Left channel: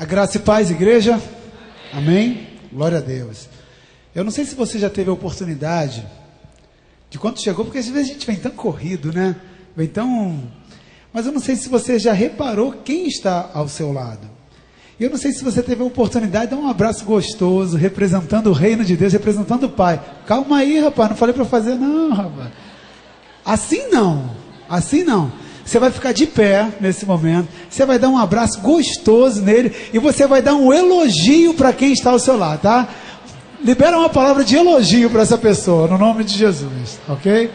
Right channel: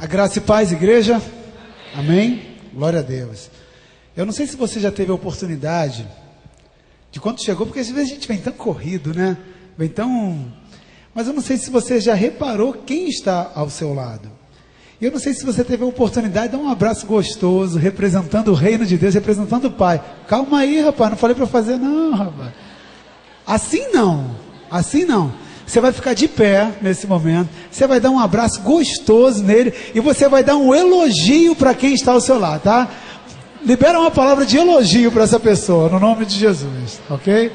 A graça e paz, igreja. Amém? Glória a Deus. Eu não sei se você já teve a oportunidade de quando chegou, porque às vezes a gente vem tão corrido, né? Vem tão... Mas eu não sei se você já reparou quem está ao seu lado. E eu não sei se você teve a oportunidade de dar um abraço gostoso, representando o reino de Deus, representando o Pai. Calma aí, rapaz, não falei para fazer não, rapaz. Assim não, assim não. Você vai ficar de pé nesse momento, você vai dar um abraço gostoso nele e você vai dar um elogio para quem está ao seu lado, tá? Libera uma palavra de elogio para essa pessoa, no nome de Jesus, ok?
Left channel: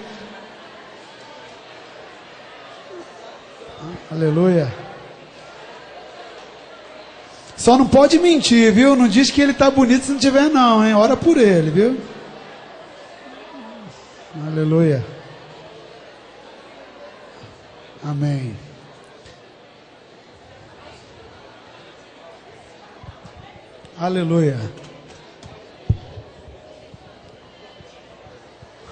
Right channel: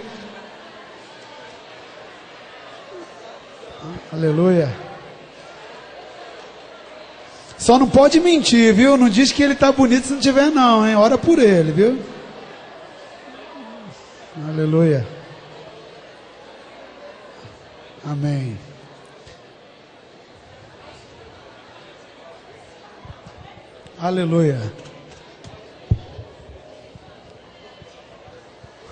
Aleluia. Só não pode mentir, viu? Não diz que ele está bonito se não tiver não, hein? Ora por ele, viu? Aleluia. Amém. Aleluia.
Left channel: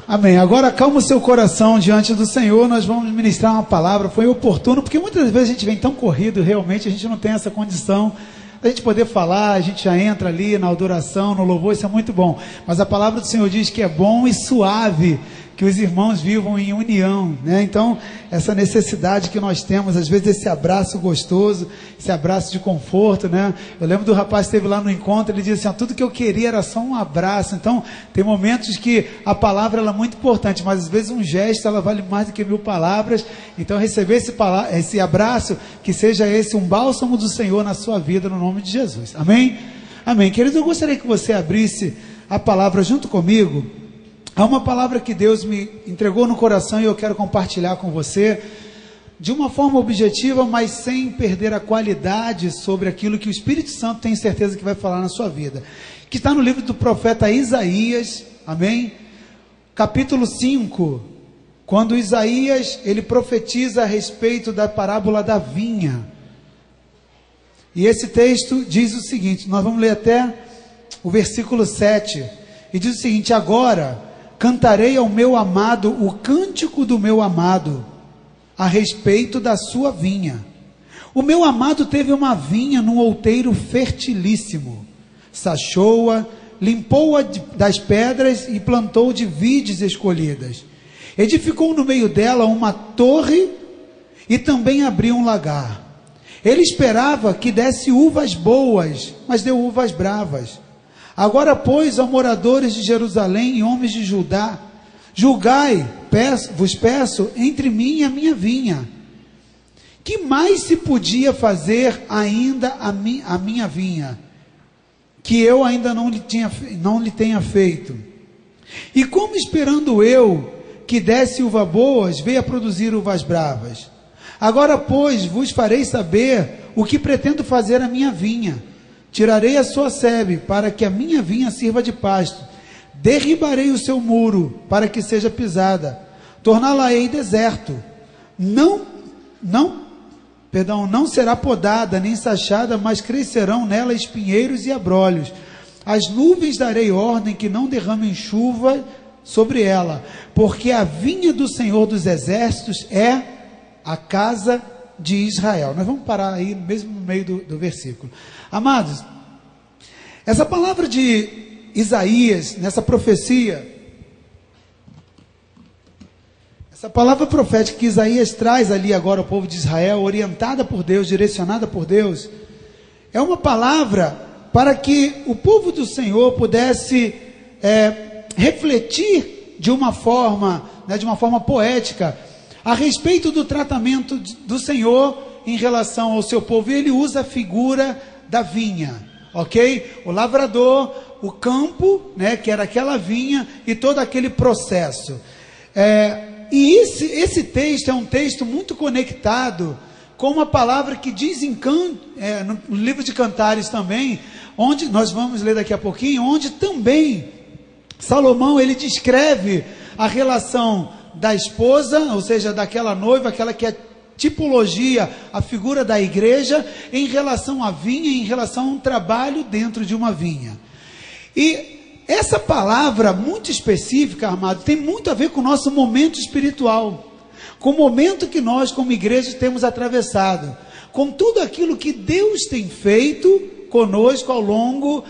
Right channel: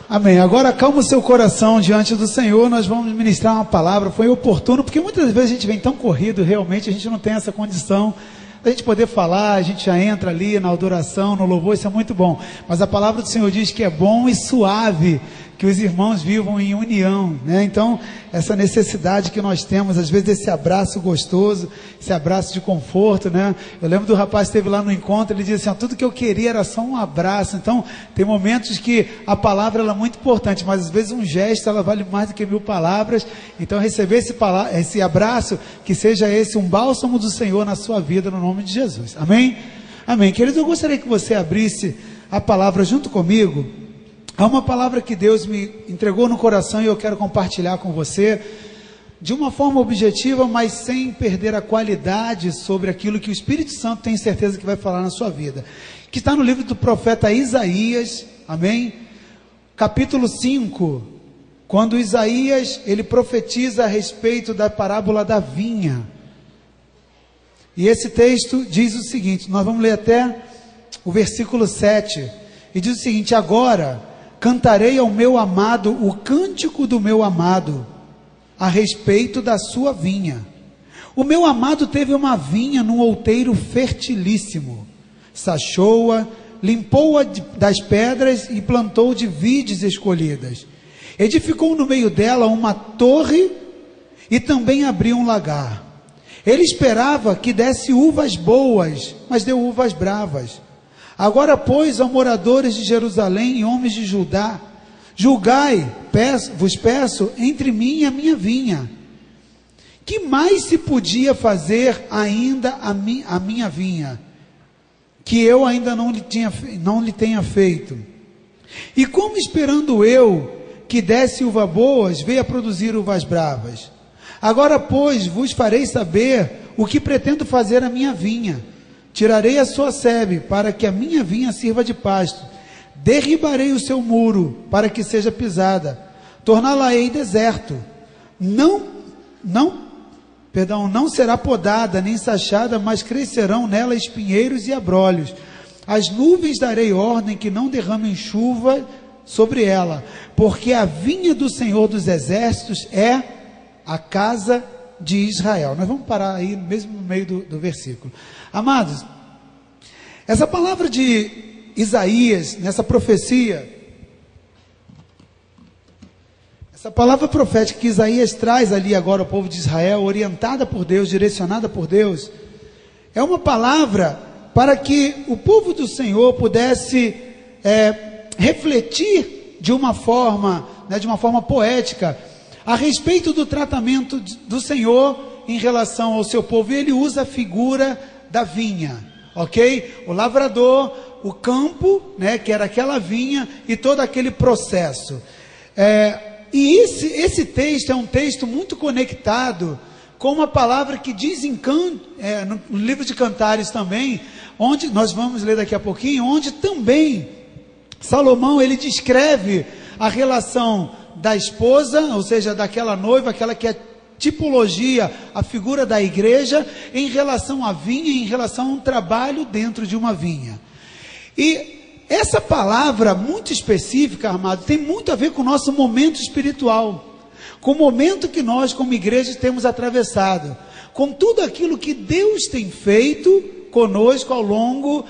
Amém. Agora acalma o seu coração diante do Senhor. Nós vamos ministrar uma palavra. Foi oportuno, porque muitas vezes a gente vem tão corrido, realmente a gente não tem essa condição da gente poder falar. A gente já entra ali na adoração, no louvor, isso é muito bom. Mas a palavra do Senhor diz que é bom e suave que os irmãos vivam em união, né? Então, essa necessidade que nós temos, às vezes, esse abraço gostoso, esse abraço de conforto, né? Eu lembro do rapaz que esteve lá no encontro, ele disse assim, tudo que eu queria era só um abraço. Então, tem momentos que a palavra ela é muito importante, mas às vezes um gesto, ela vale mais do que 1000 palavras. Então, receber esse abraço, que seja esse um bálsamo do Senhor na sua vida, no nome de Jesus. Amém? Amém. Querido, eu gostaria que você abrisse a palavra junto comigo. Há uma palavra que Deus me entregou no coração e eu quero compartilhar com você de uma forma objetiva, mas sem perder a qualidade sobre aquilo que o Espírito Santo tem certeza que vai falar na sua vida. Que está no livro do profeta Isaías, amém? Capítulo 5, quando Isaías, ele profetiza a respeito da parábola da vinha. E esse texto diz o seguinte, nós vamos ler até o versículo 7, e diz o seguinte, agora cantarei ao meu amado o cântico do meu amado, a respeito da sua vinha. O meu amado teve uma vinha num outeiro fertilíssimo, sachou-a, limpou-a das pedras e plantou de vides escolhidas. Edificou no meio dela uma torre e também abriu um lagar. Ele esperava que desse uvas boas, mas deu uvas bravas. Agora, pois, ó moradores de Jerusalém e homens de Judá, julgai, vos peço, entre mim e a minha vinha. Que mais se podia fazer ainda a minha vinha, que eu ainda não lhe tenha feito? E como esperando eu que desse uvas boas, veio a produzir uvas bravas? Agora, pois, vos farei saber o que pretendo fazer à minha vinha. Tirarei a sua sebe, para que a minha vinha sirva de pasto. Derribarei o seu muro, para que seja pisada. Torná-la-ei deserto. Não será podada, nem sachada, mas crescerão nela espinheiros e abrolhos. As nuvens darei ordem que não derramem chuva sobre ela, porque a vinha do Senhor dos Exércitos é a casa de Israel. Nós vamos parar aí, mesmo no meio do versículo. Amados, essa palavra de Isaías, nessa profecia, essa palavra profética que Isaías traz ali agora ao povo de Israel, orientada por Deus, direcionada por Deus, é uma palavra para que o povo do Senhor pudesse refletir de uma forma poética, a respeito do tratamento do Senhor em relação ao seu povo. E ele usa a figura da vinha, ok? O lavrador, o campo, né, que era aquela vinha e todo aquele processo. E esse texto é um texto muito conectado com uma palavra que diz no livro de Cantares também, onde nós vamos ler daqui a pouquinho, onde também Salomão ele descreve a relação da esposa, ou seja, daquela noiva, aquela que é tipologia, a figura da igreja, em relação à vinha, em relação a um trabalho dentro de uma vinha. E essa palavra muito específica, amado, tem muito a ver com o nosso momento espiritual, com o momento que nós, como igreja, temos atravessado, com tudo aquilo que Deus tem feito conosco ao longo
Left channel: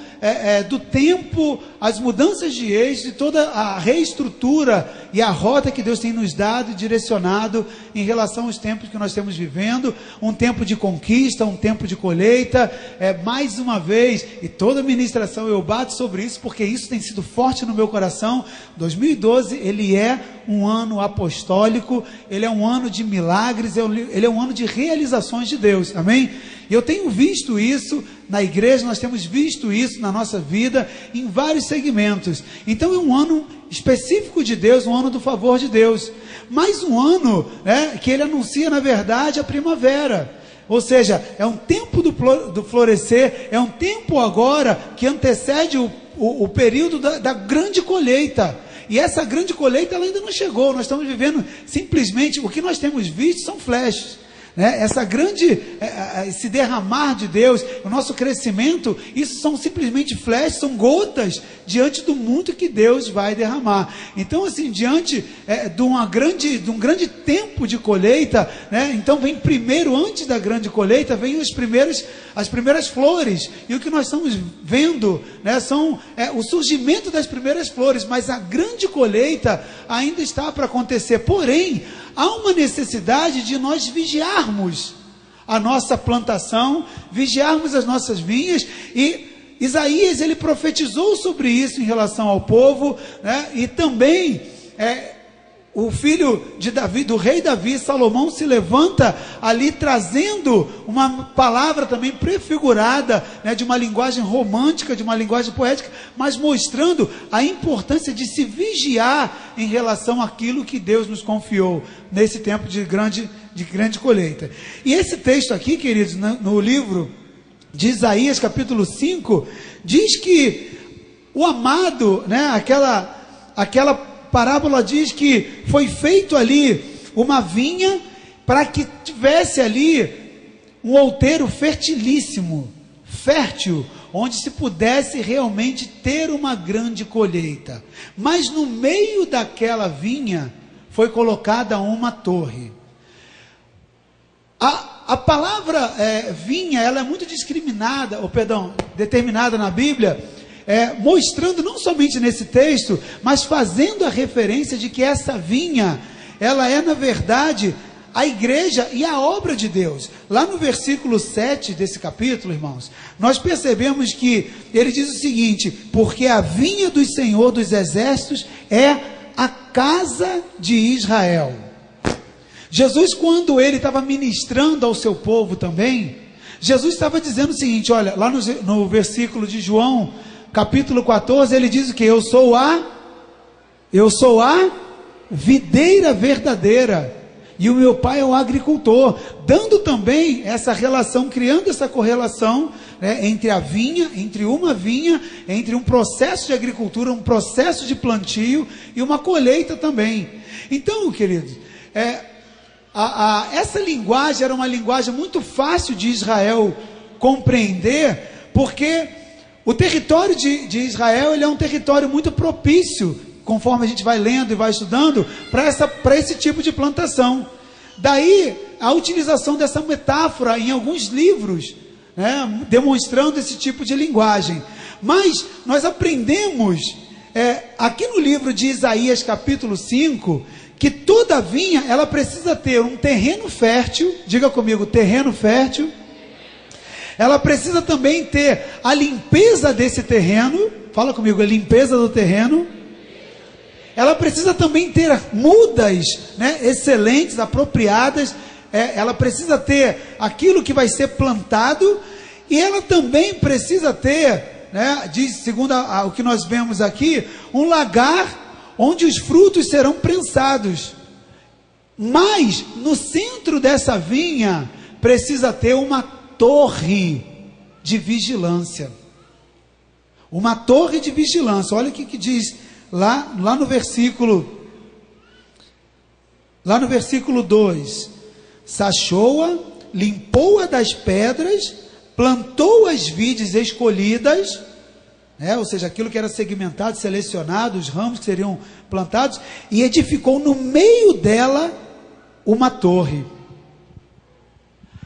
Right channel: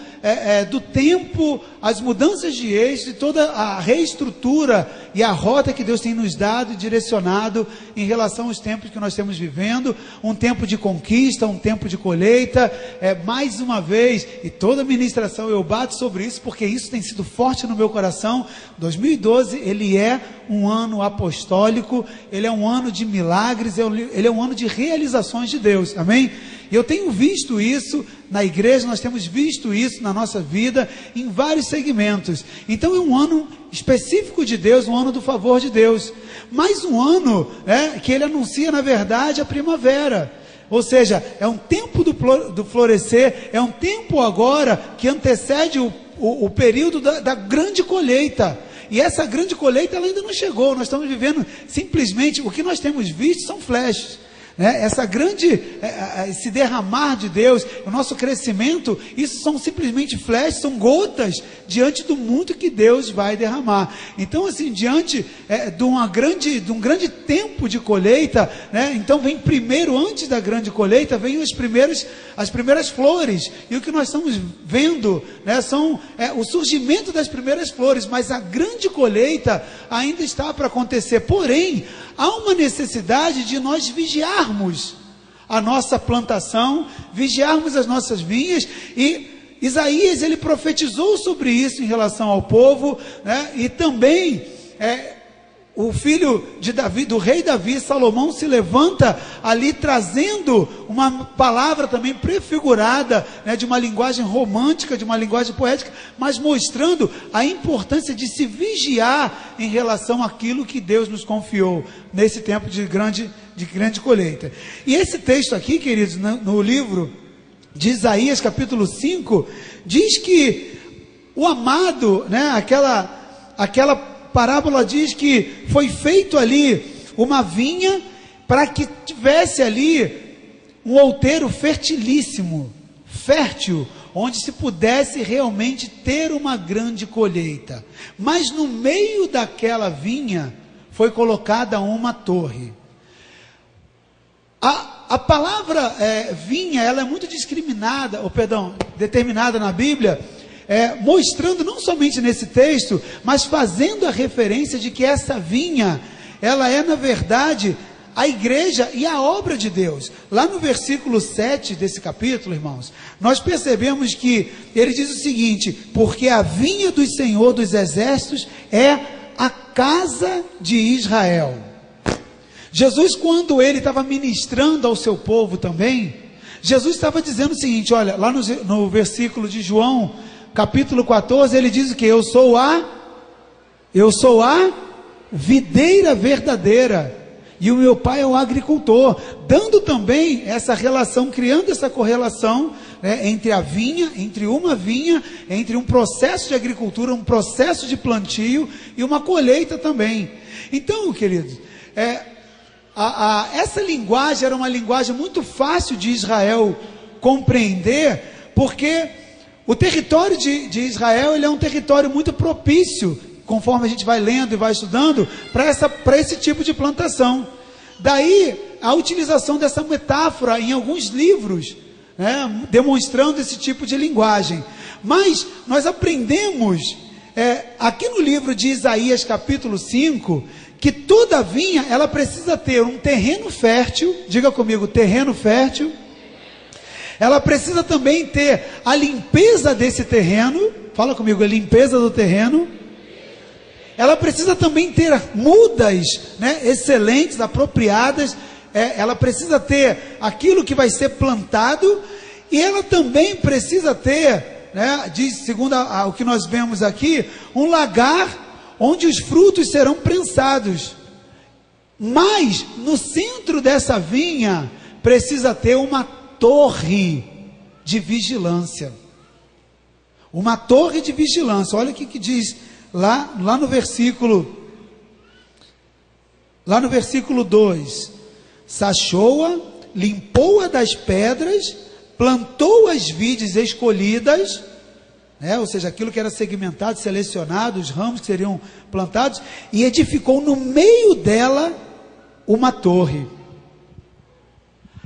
do tempo, as mudanças de eixo, e toda a reestrutura e a rota que Deus tem nos dado e direcionado em relação aos tempos que nós estamos vivendo, um tempo de conquista, um tempo de colheita, mais uma vez, e toda ministração eu bato sobre isso, porque isso tem sido forte no meu coração. 2012, ele é um ano apostólico, ele é um ano de milagres, ele é um ano de realizações de Deus, amém? Eu tenho visto isso na igreja, nós temos visto isso na nossa vida, em vários segmentos. Então é um ano específico de Deus, um ano do favor de Deus, mas um ano que ele anuncia na verdade a primavera. Ou seja, é um tempo do florescer, é um tempo agora que antecede o período da grande colheita. E essa grande colheita ela ainda não chegou, nós estamos vivendo simplesmente, o que nós temos visto são flashes. Essa grande, esse derramar de Deus, o nosso crescimento, isso são simplesmente flashes, são gotas diante do muito que Deus vai derramar. Então assim, diante de um grande tempo de colheita, então vem primeiro, antes da grande colheita, vem as primeiras flores, e o que nós estamos vendo, são o surgimento das primeiras flores, mas a grande colheita ainda está para acontecer. Porém, há uma necessidade de nós vigiarmos a nossa plantação, vigiarmos as nossas vinhas, e Isaías ele profetizou sobre isso em relação ao povo, e também o filho de Davi, do rei Davi, Salomão, se levanta ali trazendo uma palavra também prefigurada, de uma linguagem romântica, de uma linguagem poética, mas mostrando a importância de se vigiar em relação àquilo que Deus nos confiou nesse tempo de grande colheita. E esse texto aqui, queridos, no livro de Isaías, capítulo 5, diz que o amado, aquela parábola diz que foi feito ali uma vinha para que tivesse ali um outeiro fertilíssimo, fértil, onde se pudesse realmente ter uma grande colheita. Mas no meio daquela vinha foi colocada uma torre. A palavra vinha, ela é muito determinada na Bíblia, mostrando não somente nesse texto, mas fazendo a referência de que essa vinha, ela é na verdade a igreja e a obra de Deus. Lá no versículo 7 desse capítulo, irmãos, nós percebemos que ele diz o seguinte: porque a vinha do Senhor dos Exércitos é a casa de Israel. Jesus, quando ele estava ministrando ao seu povo também, Jesus estava dizendo o seguinte, olha, lá no versículo de João, capítulo 14, ele diz o que? Eu sou a videira verdadeira, e o meu pai é o agricultor, dando também essa relação, criando essa correlação entre a vinha, entre uma vinha, entre um processo de agricultura, um processo de plantio e uma colheita também. Então, queridos, essa linguagem era uma linguagem muito fácil de Israel compreender, porque o território de Israel ele é um território muito propício, conforme a gente vai lendo e vai estudando, para esse tipo de plantação. Daí a utilização dessa metáfora em alguns livros, demonstrando esse tipo de linguagem. Mas nós aprendemos aqui no livro de Isaías capítulo 5, que toda vinha ela precisa ter um terreno fértil. Diga comigo, terreno fértil. Ela precisa também ter a limpeza desse terreno. Fala comigo, a limpeza do terreno. Ela precisa também ter mudas excelentes, apropriadas. Ela precisa ter aquilo que vai ser plantado. E ela também precisa ter, segundo o que nós vemos aqui, um lagar onde os frutos serão prensados. Mas no centro dessa vinha precisa ter uma torre de vigilância. Uma torre de vigilância. Olha o que diz lá no versículo 2. Sachou-a, limpou-a das pedras, plantou as vides escolhidas, ou seja, aquilo que era segmentado, selecionado, os ramos que seriam plantados, e edificou no meio dela uma torre.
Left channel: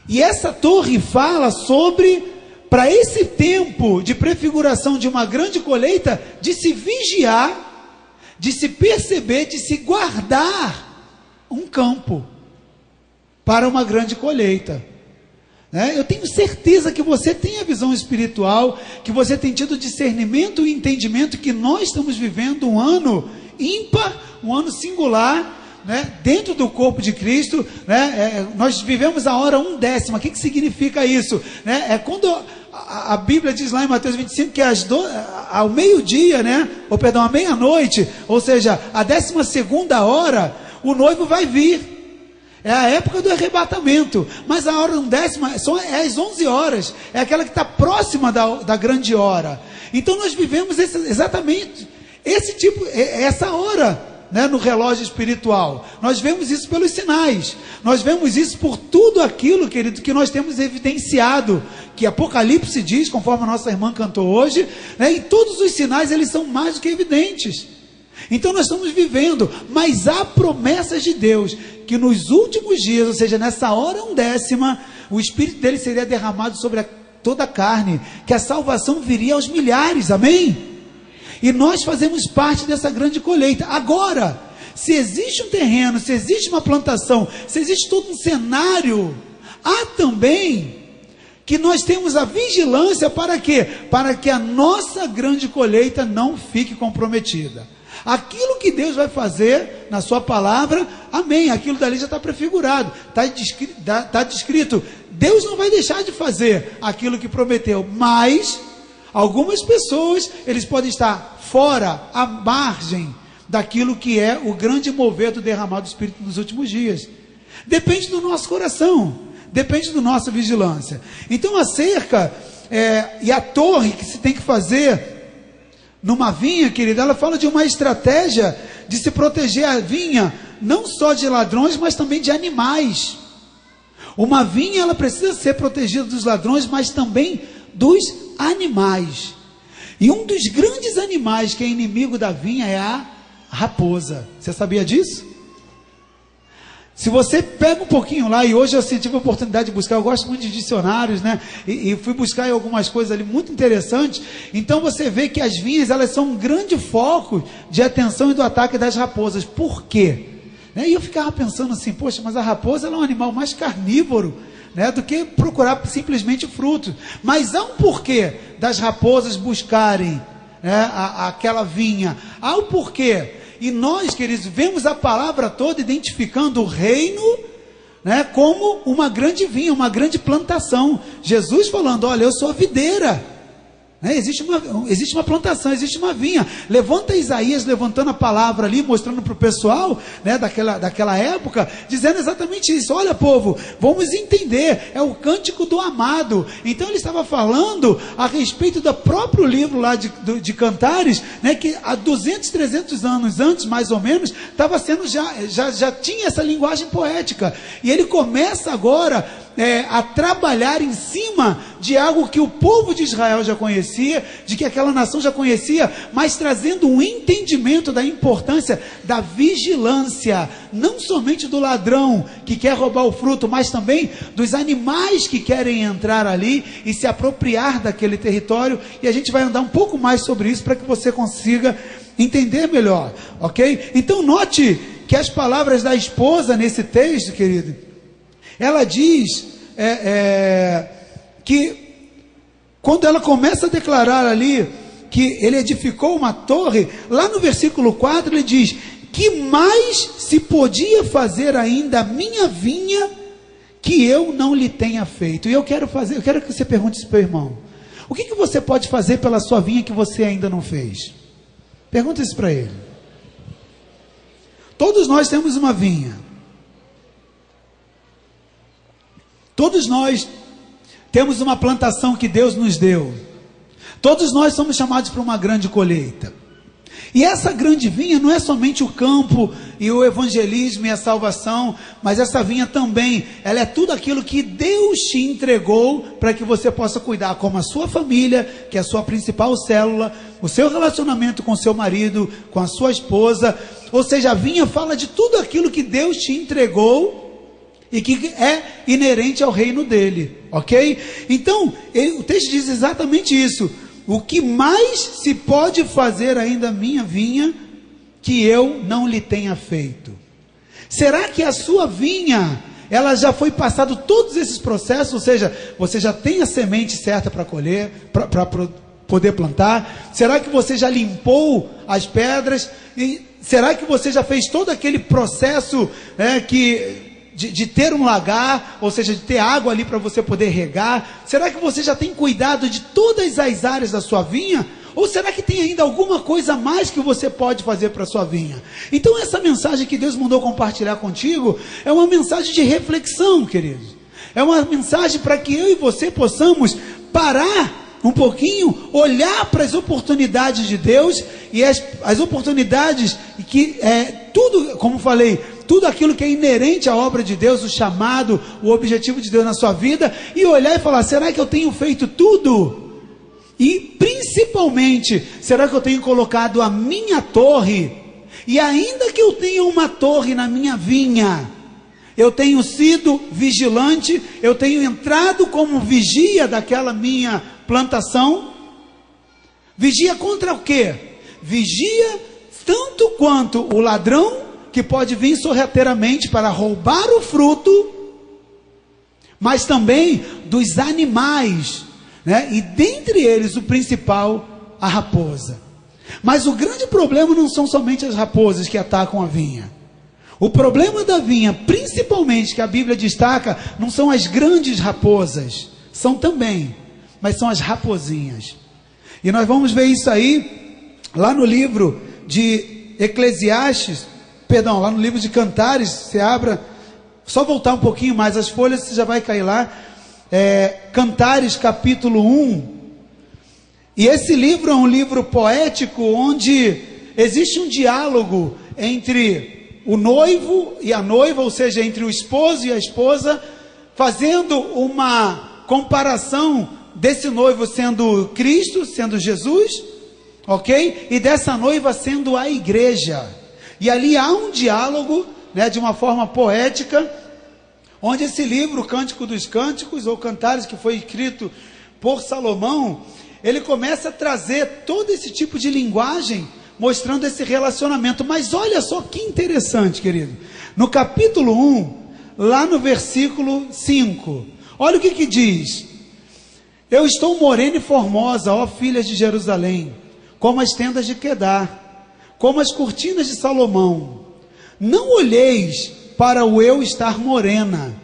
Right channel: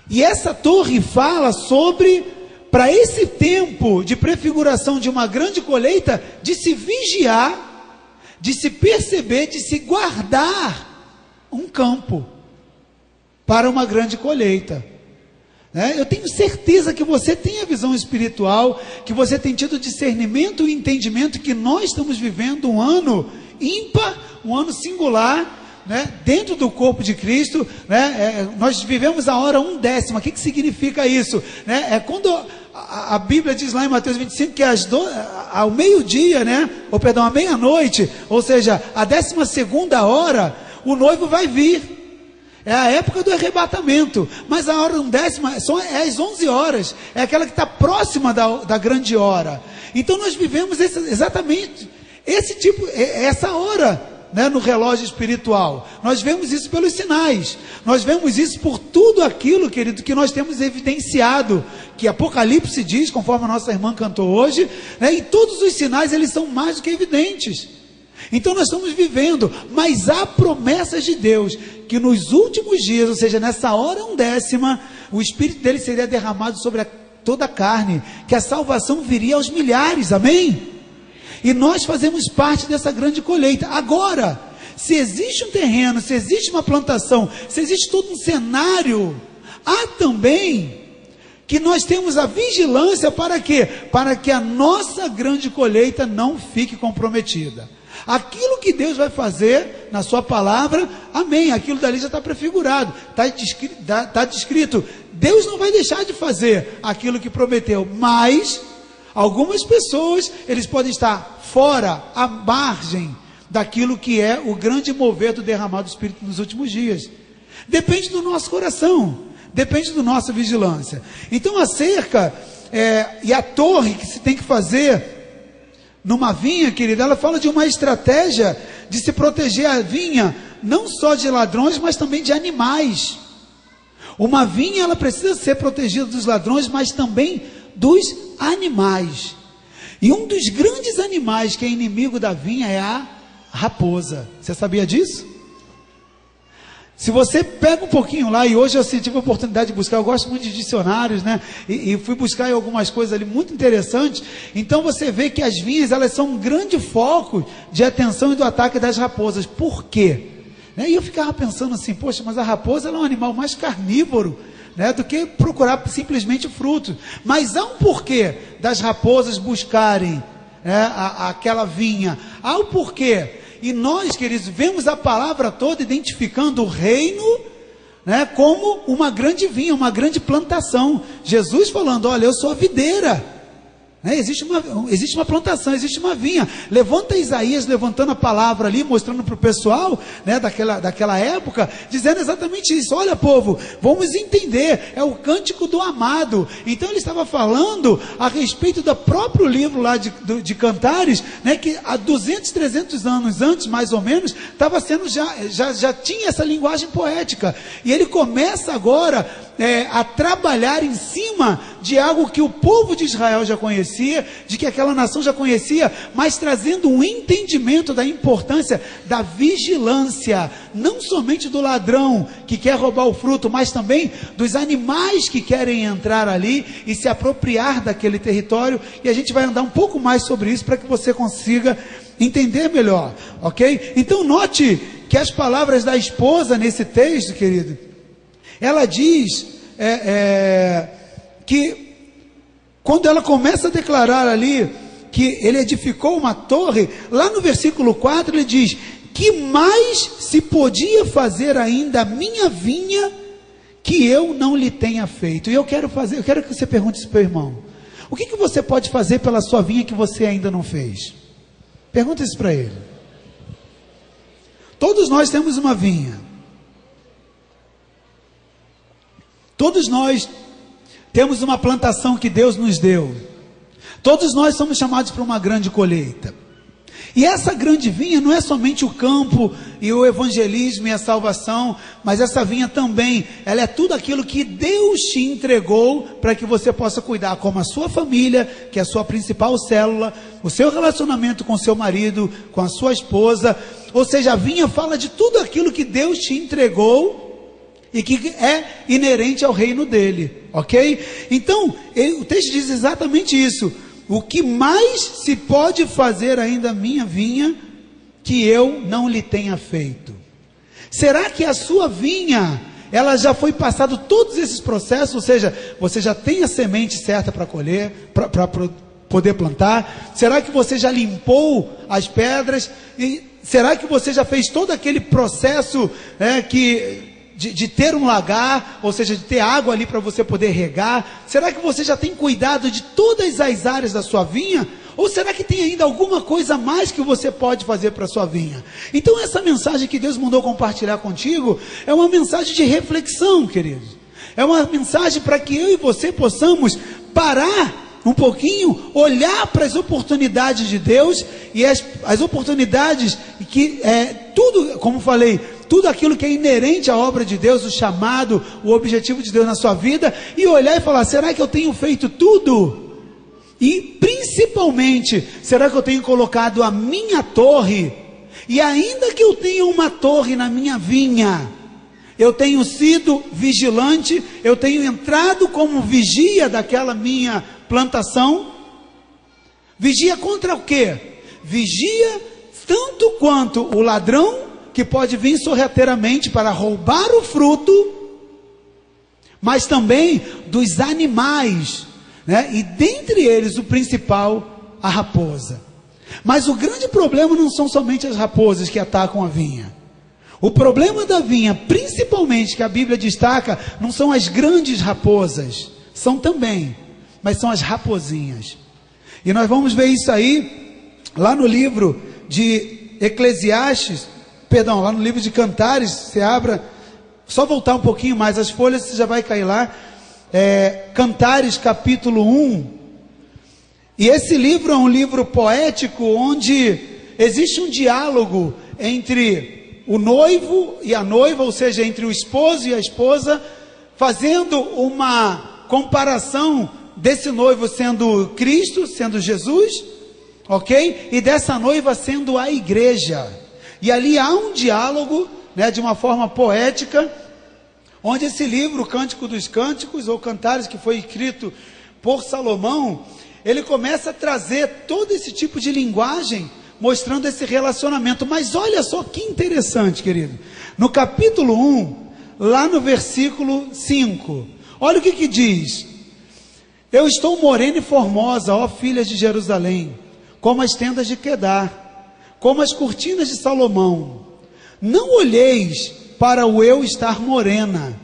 E essa torre fala sobre, para esse tempo de prefiguração de uma grande colheita, de se vigiar, de se perceber, de se guardar um campo para uma grande colheita. Eu tenho certeza que você tem a visão espiritual, que você tem tido discernimento e entendimento que nós estamos vivendo um ano ímpar, um ano singular, dentro do corpo de Cristo. Nós vivemos a hora 1/10. O que significa isso? É quando a Bíblia diz lá em Mateus 25 que ao meio-dia, à meia-noite, ou seja, a 12ª hora, o noivo vai vir. É a época do arrebatamento, mas a hora 1/10 é às 11 horas, é aquela que está próxima da grande hora. Então nós vivemos exatamente essa hora, no relógio espiritual. Nós vemos isso pelos sinais, nós vemos isso por tudo aquilo, querido, que nós temos evidenciado, que Apocalipse diz, conforme a nossa irmã cantou hoje, e todos os sinais, eles são mais do que evidentes. Então nós estamos vivendo, mas há promessas de Deus, que nos últimos dias, ou seja, nessa hora 1/10, o Espírito dele seria derramado sobre toda a carne, que a salvação viria aos milhares, amém? E nós fazemos parte dessa grande colheita. Agora, se existe um terreno, se existe uma plantação, se existe todo um cenário, há também que nós temos a vigilância para quê? Para que a nossa grande colheita não fique comprometida. Aquilo que Deus vai fazer na sua palavra, amém, aquilo dali já está prefigurado, está descrito. Deus não vai deixar de fazer aquilo que prometeu, mas algumas pessoas, eles podem estar fora, à margem daquilo que é o grande mover do derramado do Espírito nos últimos dias. Depende do nosso coração, depende da nossa vigilância. Então a cerca e a torre que se tem que fazer numa vinha, querida, ela fala de uma estratégia de se proteger a vinha, não só de ladrões, mas também de animais. Uma vinha, ela precisa ser protegida dos ladrões, mas também dos animais. E um dos grandes animais que é inimigo da vinha é a raposa. Você sabia disso? Se você pega um pouquinho lá, e hoje eu tive a oportunidade de buscar, eu gosto muito de dicionários, e fui buscar algumas coisas ali muito interessantes. Então você vê que as vinhas, elas são um grande foco de atenção e do ataque das raposas. Por quê? E eu ficava pensando assim, poxa, mas a raposa ela é um animal mais carnívoro, do que procurar simplesmente frutos. Mas há um porquê das raposas buscarem aquela vinha. Há um porquê. E nós, queridos, vemos a palavra toda identificando o reino, como uma grande vinha, uma grande plantação. Jesus falando, olha, eu sou a videira. Existe uma plantação, existe uma vinha. Levanta Isaías, levantando a palavra ali, mostrando para o pessoal, daquela época, dizendo exatamente isso. Olha, povo, vamos entender, é o cântico do amado. Então ele estava falando a respeito do próprio livro lá de Cantares, que há 200, 300 anos antes, mais ou menos, estava sendo já tinha essa linguagem poética. E ele começa agora a trabalhar em cima de algo que o povo de Israel já conhecia, de que aquela nação já conhecia, mas trazendo um entendimento da importância da vigilância, não somente do ladrão que quer roubar o fruto, mas também dos animais que querem entrar ali e se apropriar daquele território. E a gente vai andar um pouco mais sobre isso para que você consiga entender melhor, ok? Então note que as palavras da esposa nesse texto, querido, ela diz que quando ela começa a declarar ali que ele edificou uma torre, lá no versículo 4 ele diz, que mais se podia fazer ainda a minha vinha que eu não lhe tenha feito? E eu quero que você pergunte isso para o irmão, o que você pode fazer pela sua vinha que você ainda não fez? Pergunta isso para ele. Todos nós temos uma vinha. Todos nós temos uma plantação que Deus nos deu. Todos nós somos chamados para uma grande colheita. E essa grande vinha não é somente o campo e o evangelismo e a salvação, mas essa vinha também, ela é tudo aquilo que Deus te entregou para que você possa cuidar, como a sua família, que é a sua principal célula, o seu relacionamento com seu marido, com a sua esposa. Ou seja, a vinha fala de tudo aquilo que Deus te entregou e que é inerente ao reino dele, ok? Então, o texto diz exatamente isso. O que mais se pode fazer ainda a minha vinha, que eu não lhe tenha feito? Será que a sua vinha, ela já foi passado todos esses processos? Ou seja, você já tem a semente certa para colher, para poder plantar? Será que você já limpou as pedras? E será que você já fez todo aquele processo de ter um lagar, ou seja, de ter água ali para você poder regar? Será que você já tem cuidado de todas as áreas da sua vinha? Ou será que tem ainda alguma coisa a mais que você pode fazer para a sua vinha? Então essa mensagem que Deus mandou compartilhar contigo é uma mensagem de reflexão, queridos. É uma mensagem para que eu e você possamos parar um pouquinho, olhar para as oportunidades de Deus e as oportunidades que tudo, como falei, tudo aquilo que é inerente à obra de Deus, o chamado, o objetivo de Deus na sua vida, e olhar e falar: será que eu tenho feito tudo? E principalmente, será que eu tenho colocado a minha torre? E ainda que eu tenha uma torre na minha vinha, eu tenho sido vigilante, eu tenho entrado como vigia daquela minha plantação? Vigia contra o quê? Vigia tanto quanto o ladrão, que pode vir sorrateiramente para roubar o fruto, mas também dos animais, né? E dentre eles o principal, a raposa. Mas o grande problema não são somente as raposas que atacam a vinha. O problema da vinha, principalmente, que a Bíblia destaca, não são as grandes raposas, são também, mas são as raposinhas. E nós vamos ver isso aí lá no livro de Eclesiastes, perdão, lá no livro de Cantares. Você abra, só voltar um pouquinho mais as folhas, você já vai cair lá. Cantares capítulo 1. E esse livro é um livro poético, onde existe um diálogo entre o noivo e a noiva, ou seja, entre o esposo e a esposa, fazendo uma comparação desse noivo sendo Cristo, sendo Jesus, ok? E dessa noiva sendo a igreja. E ali há um diálogo, né, de uma forma poética, onde esse livro, o Cântico dos Cânticos, ou Cantares, que foi escrito por Salomão, ele começa a trazer todo esse tipo de linguagem, mostrando esse relacionamento. Mas olha só que interessante, querido. No capítulo 1, lá no versículo 5, olha o que diz: eu estou morena e formosa, ó filhas de Jerusalém, como as tendas de Quedar, como as cortinas de Salomão. Não olheis para o eu estar morena,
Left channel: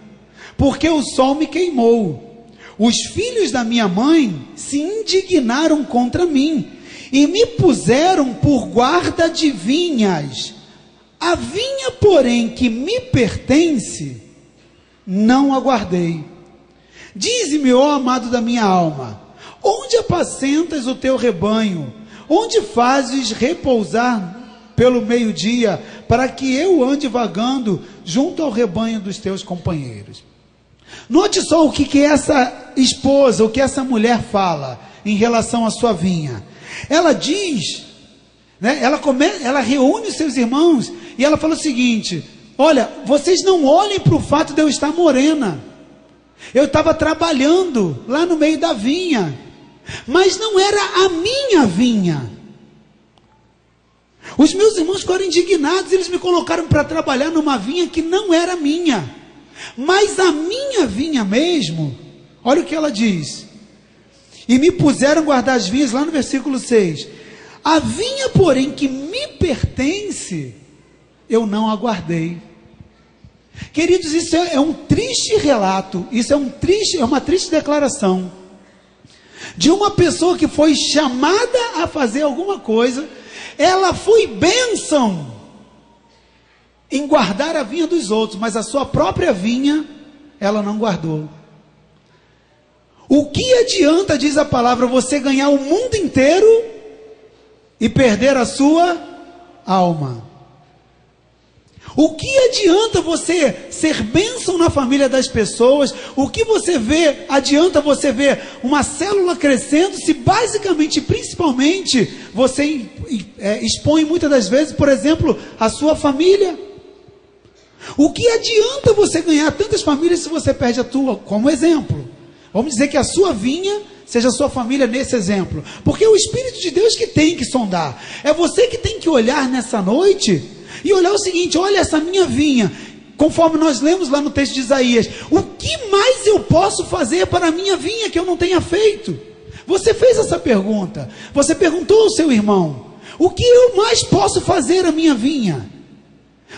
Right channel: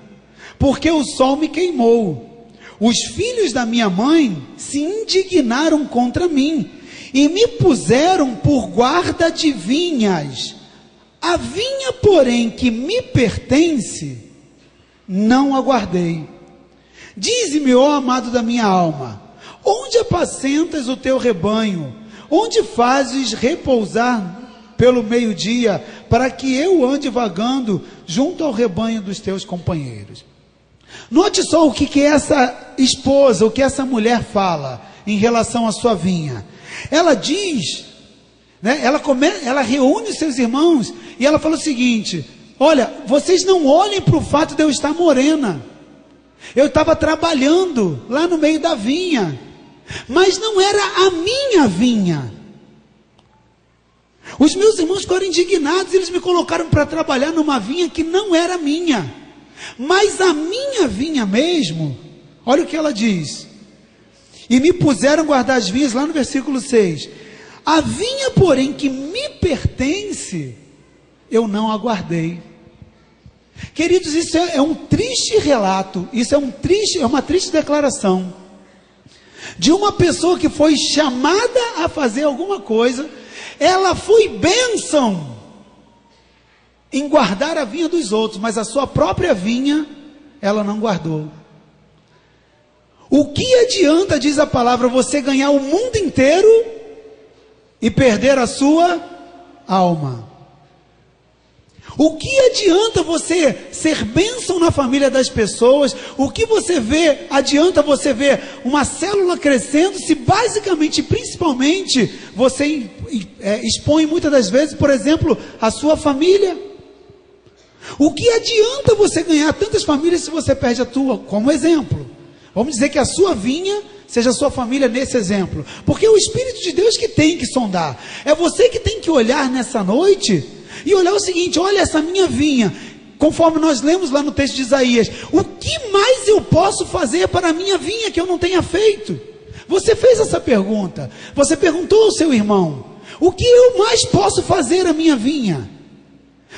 porque o sol me queimou. Os filhos da minha mãe se indignaram contra mim, e me puseram por guarda de vinhas. A vinha, porém, que me pertence, não aguardei. Dize-me, ó amado da minha alma, onde apacentas o teu rebanho? Onde fazes repousar pelo meio-dia, para que eu ande vagando junto ao rebanho dos teus companheiros? Note só o que essa esposa, o que essa mulher fala em relação à sua vinha. Ela diz, né, ela reúne os seus irmãos e ela fala o seguinte: olha, vocês não olhem para o fato de eu estar morena. Eu estava trabalhando lá no meio da vinha, mas não era a minha vinha. Os meus irmãos ficaram indignados, eles me colocaram para trabalhar numa vinha que não era minha. Mas a minha vinha mesmo, olha o que ela diz: e me puseram a guardar as vinhas, lá no versículo 6. A vinha, porém, que me pertence, eu não aguardei. Queridos, isso é um triste relato, isso é uma triste declaração de uma pessoa que foi chamada a fazer alguma coisa. Ela foi bênção em guardar a vinha dos outros, mas a sua própria vinha, ela não guardou. O que adianta, diz a palavra, você ganhar o mundo inteiro e perder a sua alma? O que adianta você ser bênção na família das pessoas? O que adianta você ver uma célula crescendo, se basicamente, principalmente, você expõe muitas das vezes, por exemplo, a sua família? O que adianta você ganhar tantas famílias se você perde a tua, como exemplo? Vamos dizer que a sua vinha seja a sua família nesse exemplo. Porque é o Espírito de Deus que tem que sondar. É você que tem que olhar nessa noite e olhar o seguinte: olha essa minha vinha. Conforme nós lemos lá no texto de Isaías, o que mais eu posso fazer para a minha vinha que eu não tenha feito? Você fez essa pergunta. Você perguntou ao seu irmão: o que eu mais posso fazer à minha vinha?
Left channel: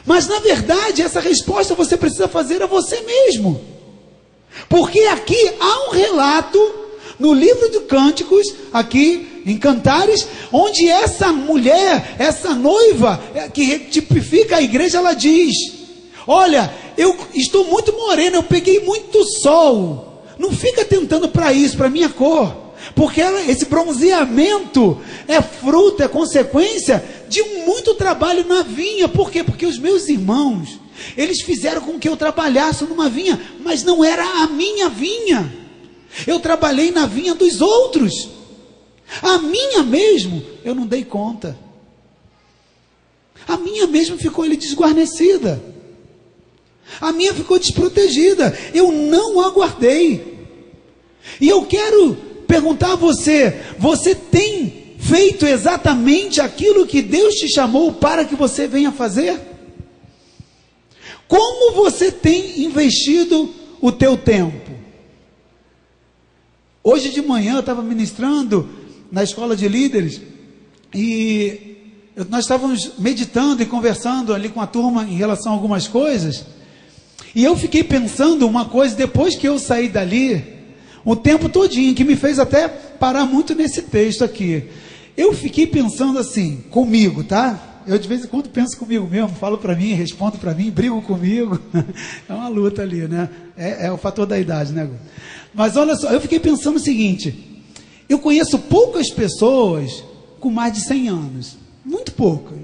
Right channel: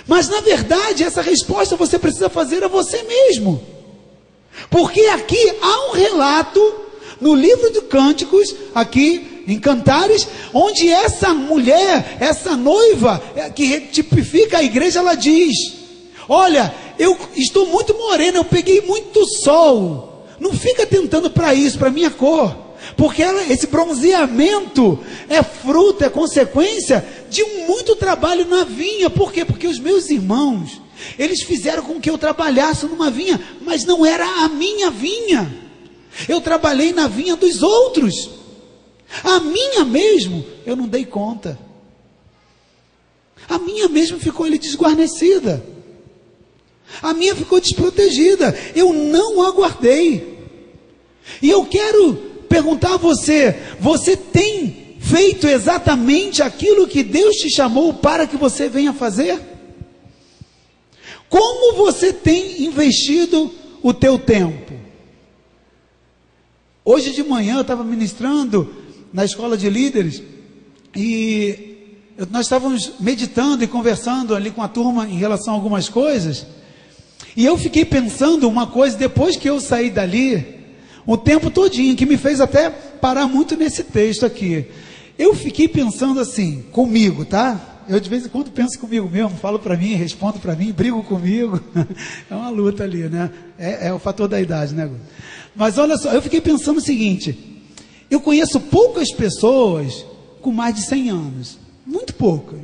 Mas na verdade essa resposta você precisa fazer a você mesmo. Porque aqui há um relato no livro de Cânticos, aqui em Cantares, onde essa mulher, essa noiva, que tipifica a igreja, ela diz: olha, eu estou muito morena, eu peguei muito sol. Não fica tentando para isso, para minha cor. Porque esse bronzeamento é fruto, é consequência de muito trabalho na vinha. Por quê? Porque os meus irmãos, eles fizeram com que eu trabalhasse numa vinha, mas não era a minha vinha. Eu trabalhei na vinha dos outros. A minha mesmo, eu não dei conta. A minha mesmo ficou ali desguarnecida. A minha ficou desprotegida. Eu não aguardei. E eu quero perguntar a você: você tem feito exatamente aquilo que Deus te chamou para que você venha fazer? Como você tem investido o teu tempo? Hoje de manhã eu estava ministrando na escola de líderes e nós estávamos meditando e conversando ali com a turma em relação a algumas coisas. E eu fiquei pensando uma coisa depois que eu saí dali, o tempo todinho, que me fez até parar muito nesse texto aqui. Eu fiquei pensando assim, comigo, tá? Eu de vez em quando penso comigo mesmo, falo para mim, respondo para mim, brigo comigo. É uma luta ali, né? É o fator da idade, né? Mas olha só, eu fiquei pensando o seguinte: eu conheço poucas pessoas com mais de 100 anos. Muito poucas.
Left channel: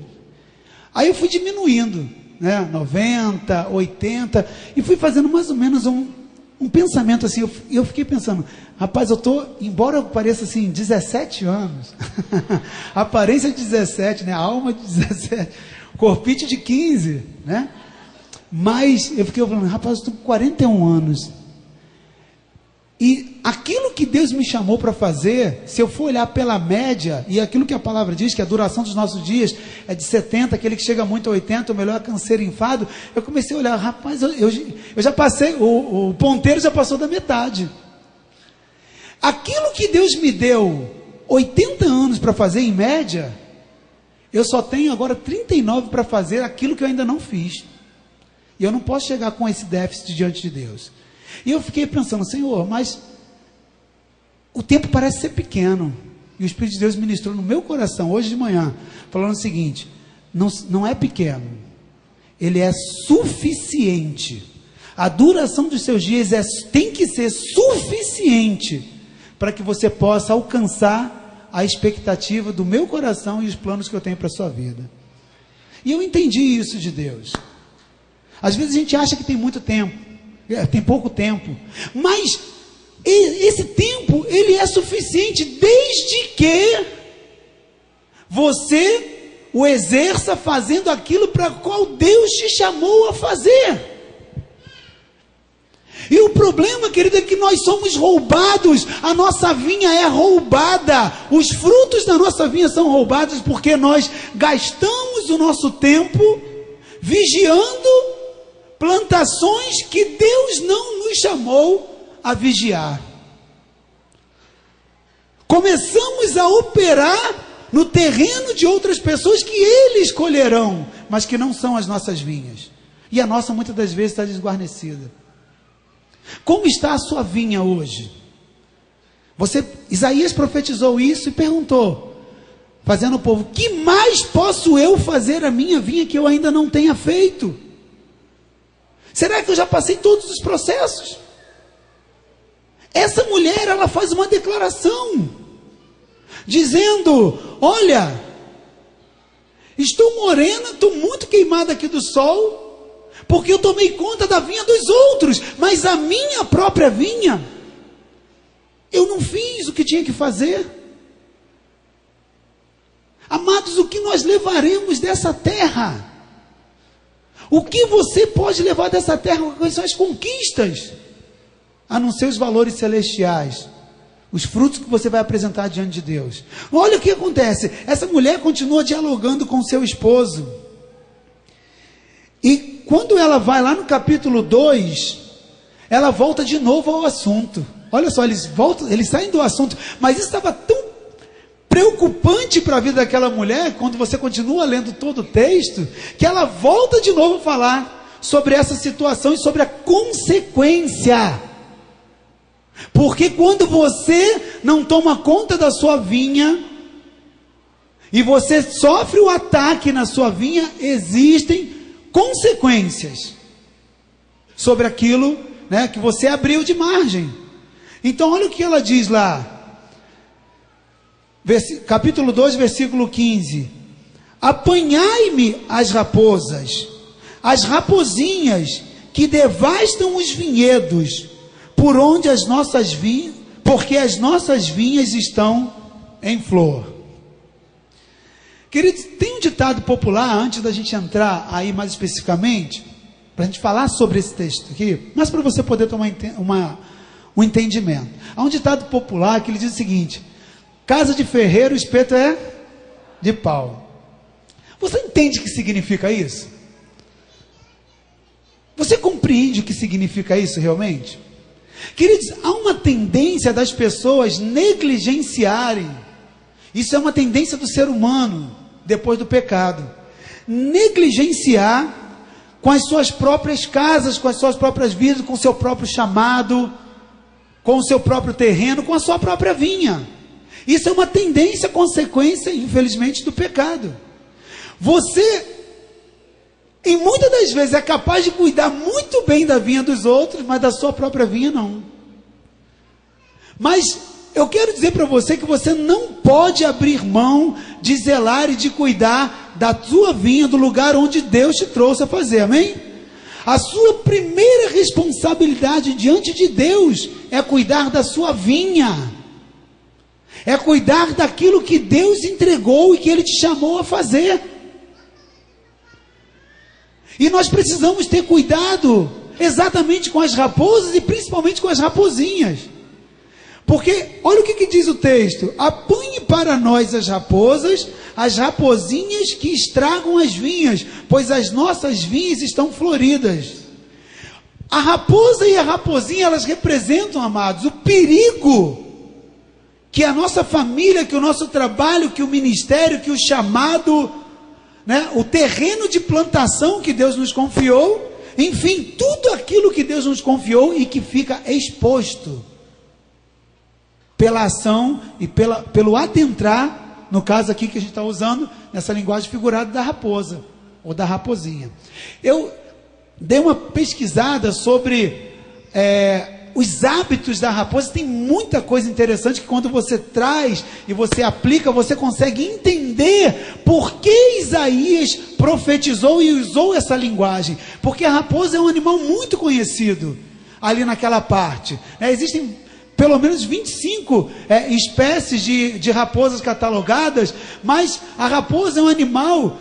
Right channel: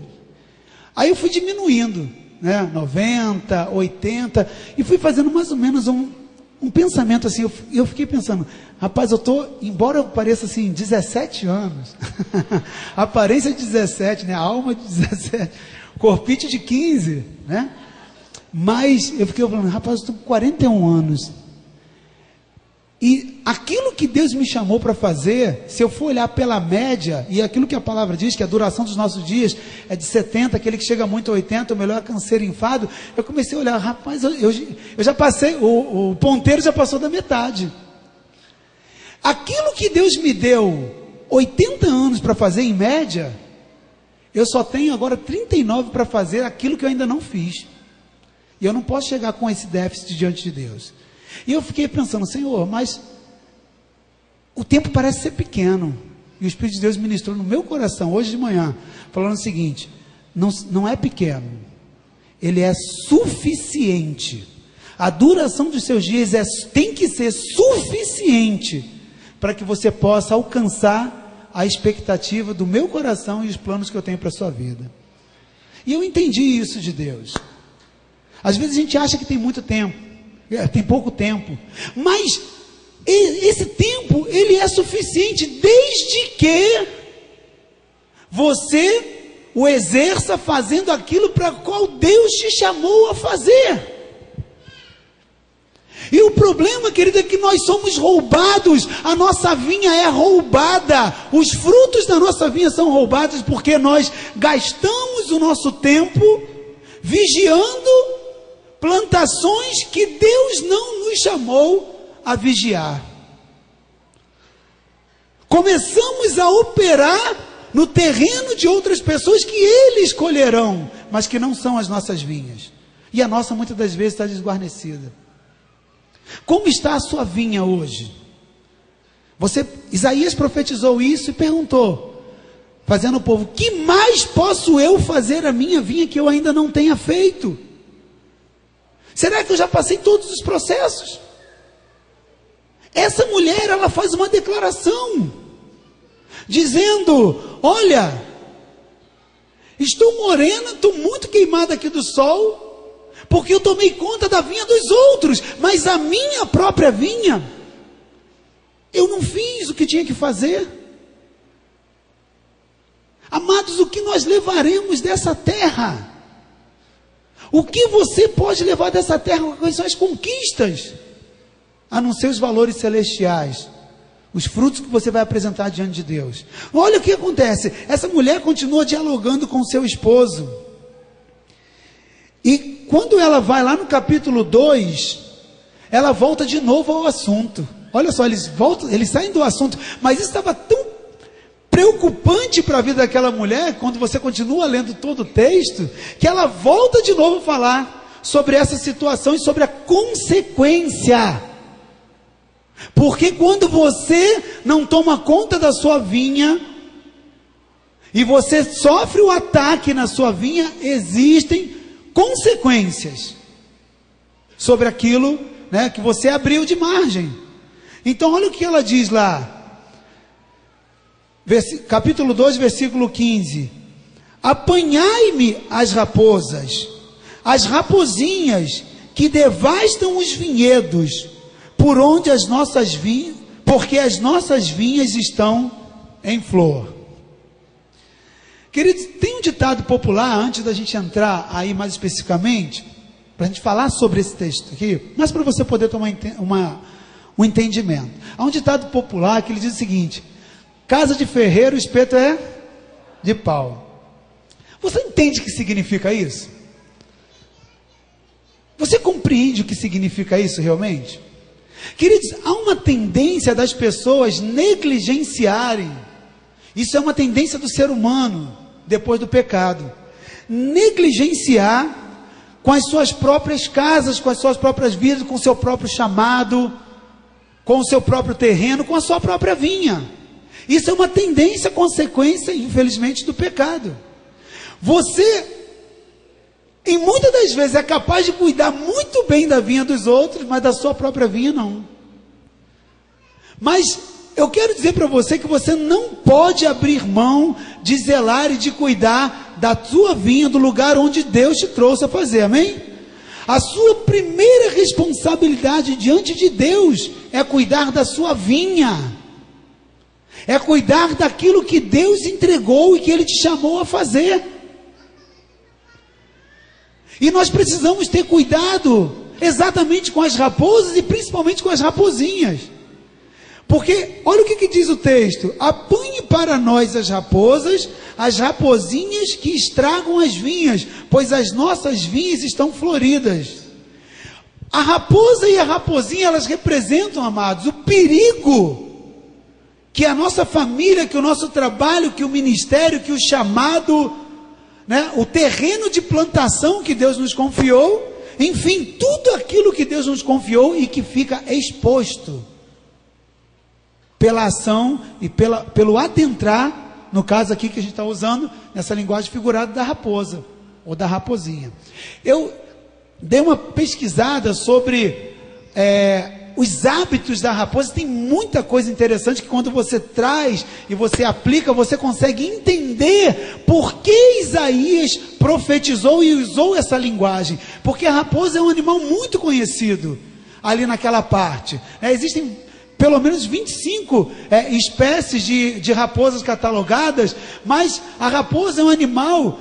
Aí eu fui diminuindo, né? 90, 80, e fui fazendo mais ou menos um pensamento assim. Eu fiquei pensando: rapaz, eu estou, embora eu pareça assim, 17 anos, a aparência de 17, né? A alma de 17, corpite de 15, né? Mas eu fiquei falando: rapaz, eu estou com 41 anos. E aquilo que Deus me chamou para fazer, se eu for olhar pela média, e aquilo que a palavra diz, que a duração dos nossos dias é de 70, aquele que chega muito a 80, o melhor é canseiro enfado, eu comecei a olhar: rapaz, eu já passei, o ponteiro já passou da metade. Aquilo que Deus me deu 80 anos para fazer em média, eu só tenho agora 39 para fazer aquilo que eu ainda não fiz. E eu não posso chegar com esse déficit diante de Deus. E eu fiquei pensando: Senhor, mas o tempo parece ser pequeno. E o Espírito de Deus ministrou no meu coração hoje de manhã, falando o seguinte: não é pequeno, ele é suficiente. A duração dos seus dias tem que ser suficiente para que você possa alcançar a expectativa do meu coração e os planos que eu tenho para a sua vida. E eu entendi isso de Deus. Às vezes a gente acha que tem muito tempo, tem pouco tempo, mas esse tempo, ele é suficiente desde que você o exerça fazendo aquilo para qual Deus te chamou a fazer. E o problema, querido, é que nós somos roubados, a nossa vinha é roubada, os frutos da nossa vinha são roubados porque nós gastamos o nosso tempo vigiando plantações que Deus não nos chamou a vigiar. Começamos a operar no terreno de outras pessoas que eles escolherão, mas que não são as nossas vinhas. E a nossa muitas das vezes está desguarnecida. Como está a sua vinha hoje? Isaías profetizou isso e perguntou, fazendo o povo: que mais posso eu fazer a minha vinha que eu ainda não tenha feito? Será que eu já passei todos os processos? Essa mulher, ela faz uma declaração, dizendo: olha, estou morena, estou muito queimada aqui do sol, porque eu tomei conta da vinha dos outros, mas a minha própria vinha, eu não fiz o que tinha que fazer. Amados, o que nós levaremos dessa terra? O que você pode levar dessa terra? Quais são as conquistas? A não ser os valores celestiais, os frutos que você vai apresentar diante de Deus. Olha o que acontece. Essa mulher continua dialogando com seu esposo. E quando ela vai lá no capítulo 2, ela volta de novo ao assunto. Olha só, eles saem do assunto, mas isso estava tão preocupante para a vida daquela mulher, quando você continua lendo todo o texto, que ela volta de novo a falar sobre essa situação e sobre a consequência. Porque quando você não toma conta da sua vinha, e você sofre um ataque na sua vinha, existem consequências sobre aquilo, né, que você abriu de margem. Então olha o que ela diz lá, capítulo 2, versículo 15: apanhai-me as raposas, as rapozinhas que devastam os vinhedos, por onde as nossas vinhas, porque as nossas vinhas estão em flor. Queridos, tem um ditado popular, antes da gente entrar aí mais especificamente, para a gente falar sobre esse texto aqui, mas para você poder tomar um entendimento. Há um ditado popular que ele diz o seguinte: casa de ferreiro, espeto é de pau. Você entende o que significa isso? Você compreende o que significa isso realmente? Queridos, há uma tendência das pessoas negligenciarem. Isso é uma tendência do ser humano, depois do pecado. Negligenciar com as suas próprias casas, com as suas próprias vidas, com o seu próprio chamado, com o seu próprio terreno, com a sua própria vinha. Isso é uma tendência, consequência, infelizmente, do pecado. Você, em muitas das vezes, é capaz de cuidar muito bem da vinha dos outros, mas da sua própria vinha não. Mas eu quero dizer para você que você não pode abrir mão de zelar e de cuidar da sua vinha, do lugar onde Deus te trouxe a fazer, amém? A sua primeira responsabilidade diante de Deus é cuidar da sua vinha. É cuidar daquilo que Deus entregou e que Ele te chamou a fazer. E nós precisamos ter cuidado exatamente com as raposas e principalmente com as rapozinhas. Porque, olha o que diz o texto: apanhe para nós as rapozinhas que estragam as vinhas, pois as nossas vinhas estão floridas. A raposa e a rapozinha, elas representam, amados, o perigo que a nossa família, que o nosso trabalho, que o ministério, que o chamado, né, o terreno de plantação que Deus nos confiou, enfim, tudo aquilo que Deus nos confiou e que fica exposto pela ação e pelo adentrar, no caso aqui que a gente está usando, nessa linguagem figurada da raposa, ou da raposinha. Eu dei uma pesquisada sobre os hábitos da raposa. Tem muita coisa interessante que quando você traz e você aplica, você consegue entender por que Isaías profetizou e usou essa linguagem. Porque a raposa é um animal muito conhecido ali naquela parte. Existem pelo menos 25 espécies de raposas catalogadas, mas a raposa é um animal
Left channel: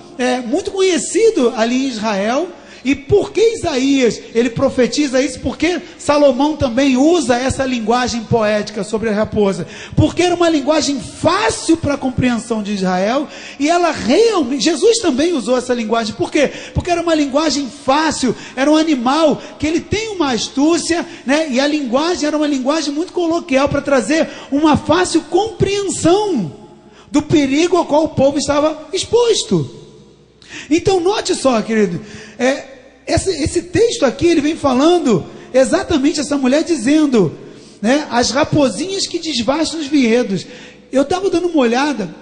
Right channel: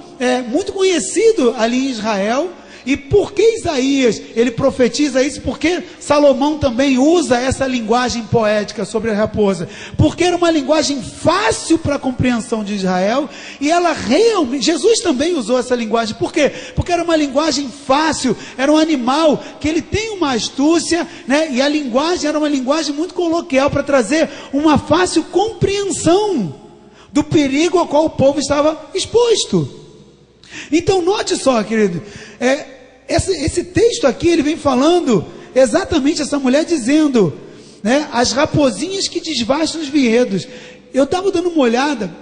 muito conhecido ali em Israel. E por que Isaías, ele profetiza isso? Porque Salomão também usa essa linguagem poética sobre a raposa, porque era uma linguagem fácil para a compreensão de Israel, e ela realmente, Jesus também usou essa linguagem. Por quê? Porque era uma linguagem fácil, era um animal que ele tem uma astúcia, né? E a linguagem era uma linguagem muito coloquial para trazer uma fácil compreensão do perigo ao qual o povo estava exposto. Então note só, querido, esse texto aqui, ele vem falando exatamente essa mulher dizendo, né, as rapozinhas que desvastam os vinhedos. Eu estava dando uma olhada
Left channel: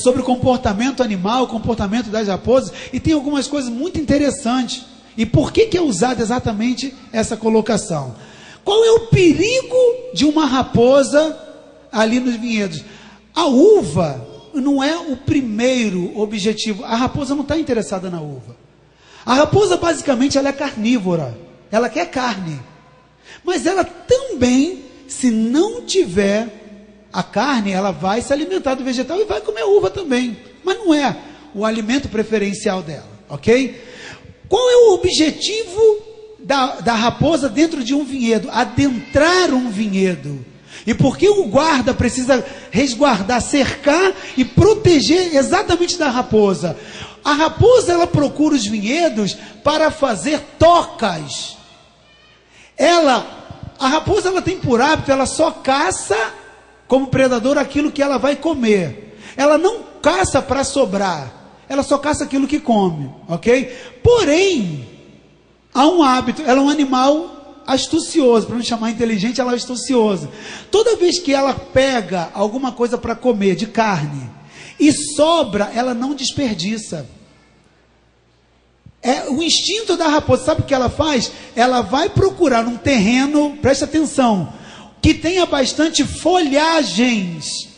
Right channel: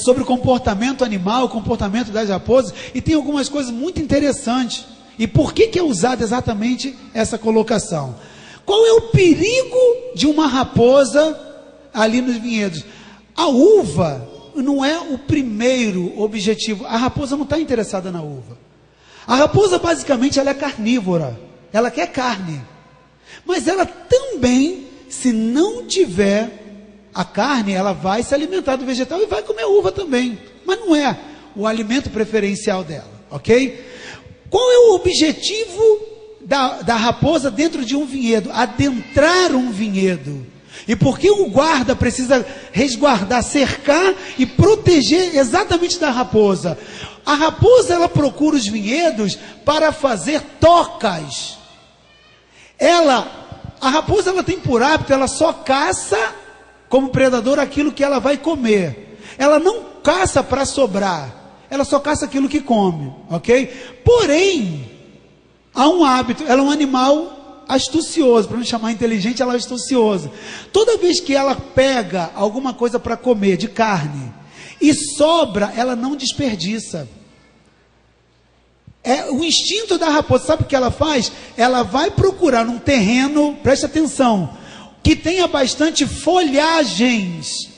sobre o comportamento animal, o comportamento das raposas, e tem algumas coisas muito interessantes. E por que é usada exatamente essa colocação? Qual é o perigo de uma raposa ali nos vinhedos? A uva não é o primeiro objetivo. A raposa não está interessada na uva. A raposa basicamente ela é carnívora. Ela quer carne. Mas ela também, se não tiver a carne, ela vai se alimentar do vegetal e vai comer uva também. Mas não é o alimento preferencial dela, ok? Qual é o objetivo da raposa dentro de um vinhedo? Adentrar um vinhedo. E por que o guarda precisa resguardar, cercar e proteger exatamente da raposa? A raposa, ela procura os vinhedos para fazer tocas. A raposa, ela tem por hábito, ela só caça como predador aquilo que ela vai comer. Ela não caça para sobrar, ela só caça aquilo que come, ok? Porém, há um hábito, ela é um animal astucioso, para não chamar inteligente, ela é astuciosa. Toda vez que ela pega alguma coisa para comer de carne e sobra, ela não desperdiça. É o instinto da raposa. Sabe o que ela faz? Ela vai procurar um terreno, preste atenção, que tenha bastante folhagens.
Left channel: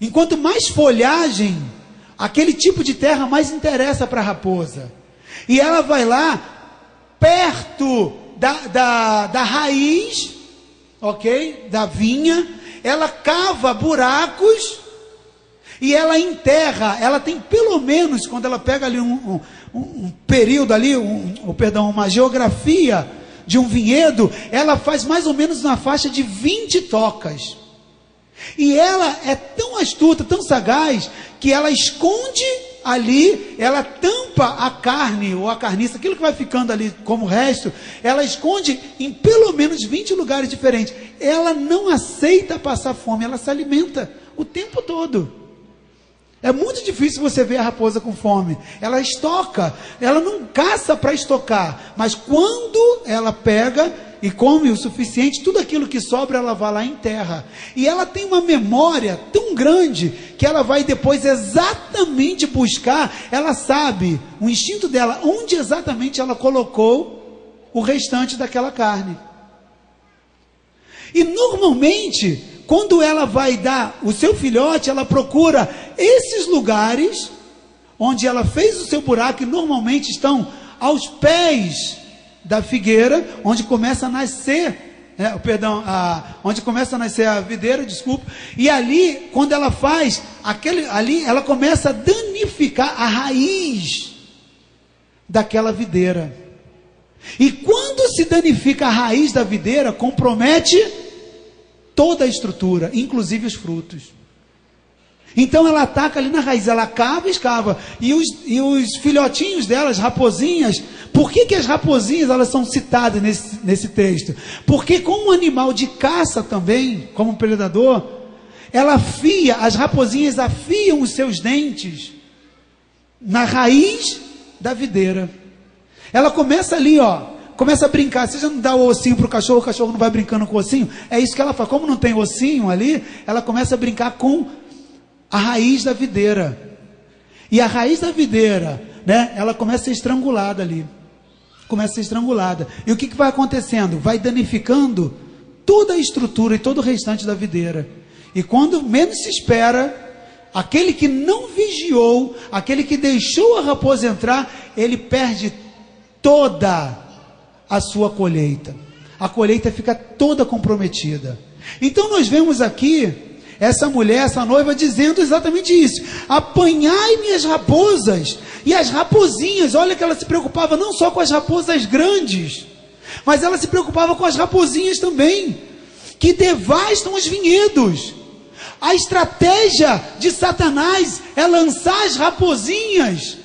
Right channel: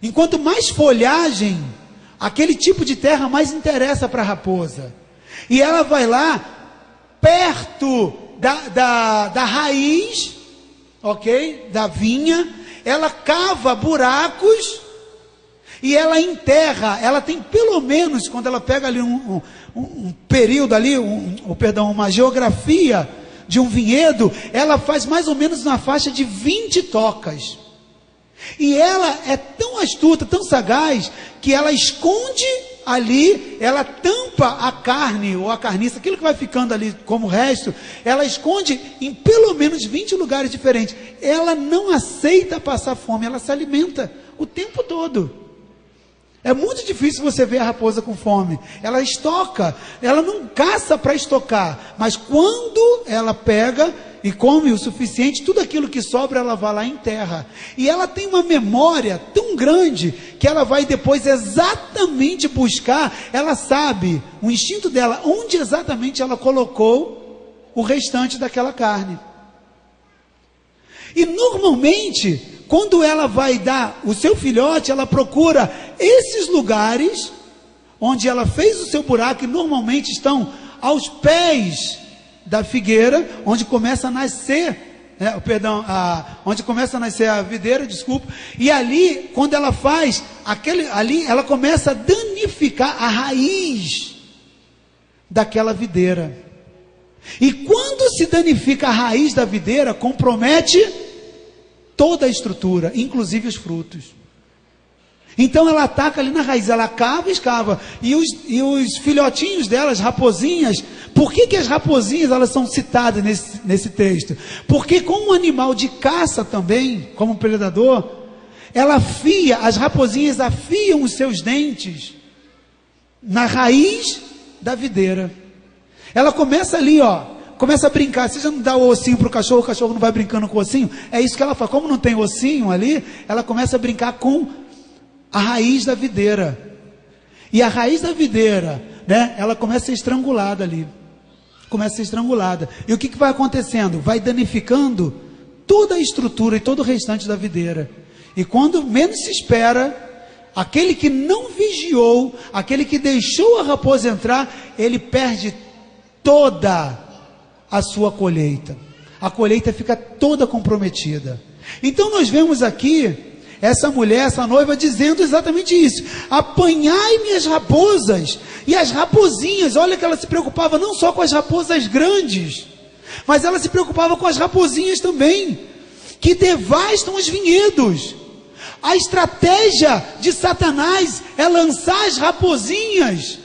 Enquanto mais folhagem, aquele tipo de terra mais interessa para a raposa. E ela vai lá, perto da raiz, ok? Da vinha, ela cava buracos e ela enterra. Ela tem pelo menos, quando ela pega ali um período ali, uma geografia de um vinhedo, ela faz mais ou menos uma faixa de 20 tocas. E ela é tão astuta, tão sagaz, que ela esconde ali, ela tampa a carne ou a carniça, aquilo que vai ficando ali como resto, ela esconde em pelo menos 20 lugares diferentes. Ela não aceita passar fome, ela se alimenta o tempo todo. É muito difícil você ver a raposa com fome. Ela estoca, ela não caça para estocar, mas quando ela pega e come o suficiente, tudo aquilo que sobra ela vai lá e enterra. E ela tem uma memória tão grande que ela vai depois exatamente buscar, ela sabe, o instinto dela, onde exatamente ela colocou o restante daquela carne. E normalmente, quando ela vai dar o seu filhote, ela procura esses lugares onde ela fez o seu buraco, e normalmente estão aos pés da figueira, onde começa a nascer, onde começa a nascer a videira, desculpa, e ali, quando ela faz, ali ela começa a danificar a raiz daquela videira. E quando se danifica a raiz da videira, compromete toda a estrutura, inclusive os frutos. Então ela ataca ali na raiz, ela cava e escava. E os filhotinhos delas, raposinhas, por que as raposinhas elas são citadas nesse texto? Porque como um animal de caça também, como um predador, as raposinhas afiam os seus dentes na raiz da videira. Ela começa ali, começa a brincar. Você já não dá o ossinho para o cachorro não vai brincando com o ossinho? É isso que ela faz. Como não tem ossinho ali, ela começa a brincar com a raiz da videira. E a raiz da videira, ela começa a ser estrangulada ali. Começa a ser estrangulada. E o que vai acontecendo? Vai danificando toda a estrutura e todo o restante da videira. E quando menos se espera, aquele que não vigiou, aquele que deixou a raposa entrar, ele perde toda a sua colheita. A colheita fica toda comprometida. Então nós vemos aqui essa mulher, essa noiva, dizendo exatamente isso: apanhai-me as raposas. E as raposinhas, olha que ela se preocupava não só com as raposas grandes, mas ela se preocupava com as raposinhas também, que devastam os vinhedos. A estratégia de Satanás é lançar as raposinhas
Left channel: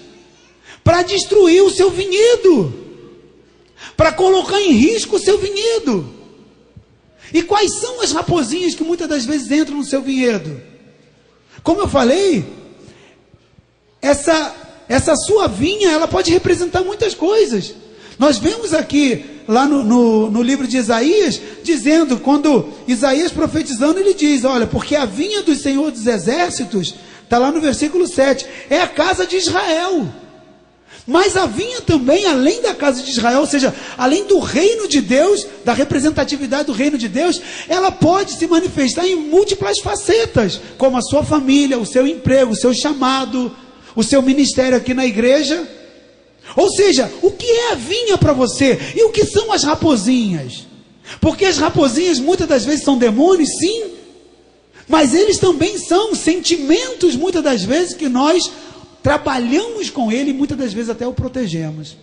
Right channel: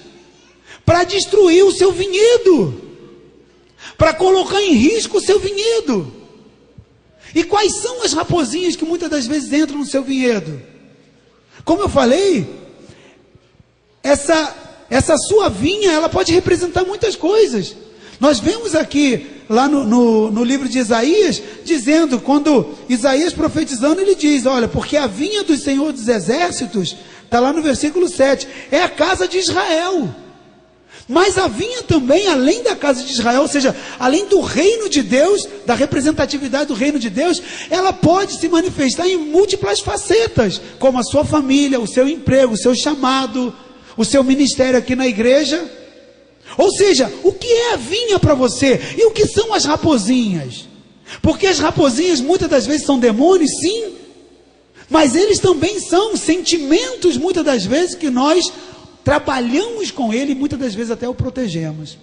para destruir o seu vinhedo, para colocar em risco o seu vinhedo. E quais são as raposinhas que muitas das vezes entram no seu vinhedo? Como eu falei, essa sua vinha, ela pode representar muitas coisas. Nós vemos aqui, lá no livro de Isaías, dizendo, quando Isaías profetizando, ele diz, olha, porque a vinha do Senhor dos Exércitos, está lá no versículo 7, é a casa de Israel. Mas a vinha também, além da casa de Israel, ou seja, além do reino de Deus, da representatividade do reino de Deus, ela pode se manifestar em múltiplas facetas, como a sua família, o seu emprego, o seu chamado, o seu ministério aqui na igreja. Ou seja, o que é a vinha para você? E o que são as raposinhas? Porque as raposinhas muitas das vezes são demônios, sim, mas eles também são sentimentos, muitas das vezes, que nós trabalhamos com ele e muitas das vezes até o protegemos.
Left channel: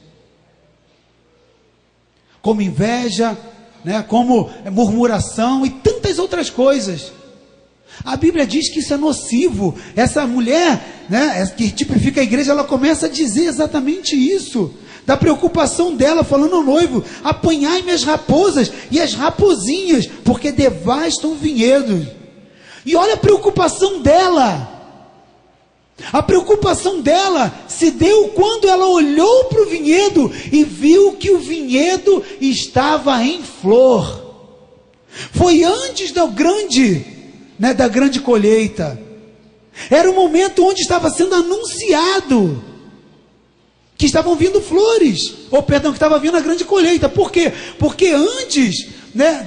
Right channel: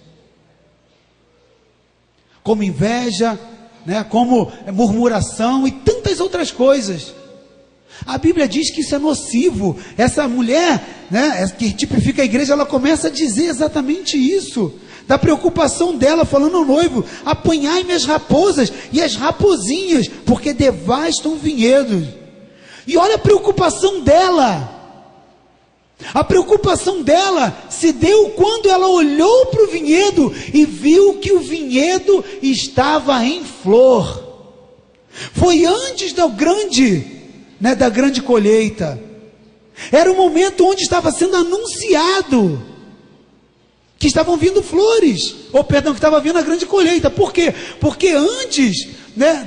Como inveja, né, como murmuração e tantas outras coisas. A Bíblia diz que isso é nocivo. Essa mulher, né, que tipifica a igreja, ela começa a dizer exatamente isso. Da preocupação dela, falando ao noivo: apanhai-me as raposas e as rapozinhas, porque devastam vinhedos. E olha a preocupação dela. A preocupação dela se deu quando ela olhou para o vinhedo e viu que o vinhedo estava em flor. Foi antes da grande colheita. Era o momento onde estava sendo anunciado que estavam vindo flores, que estava vindo a grande colheita. Por quê? Porque antes, né,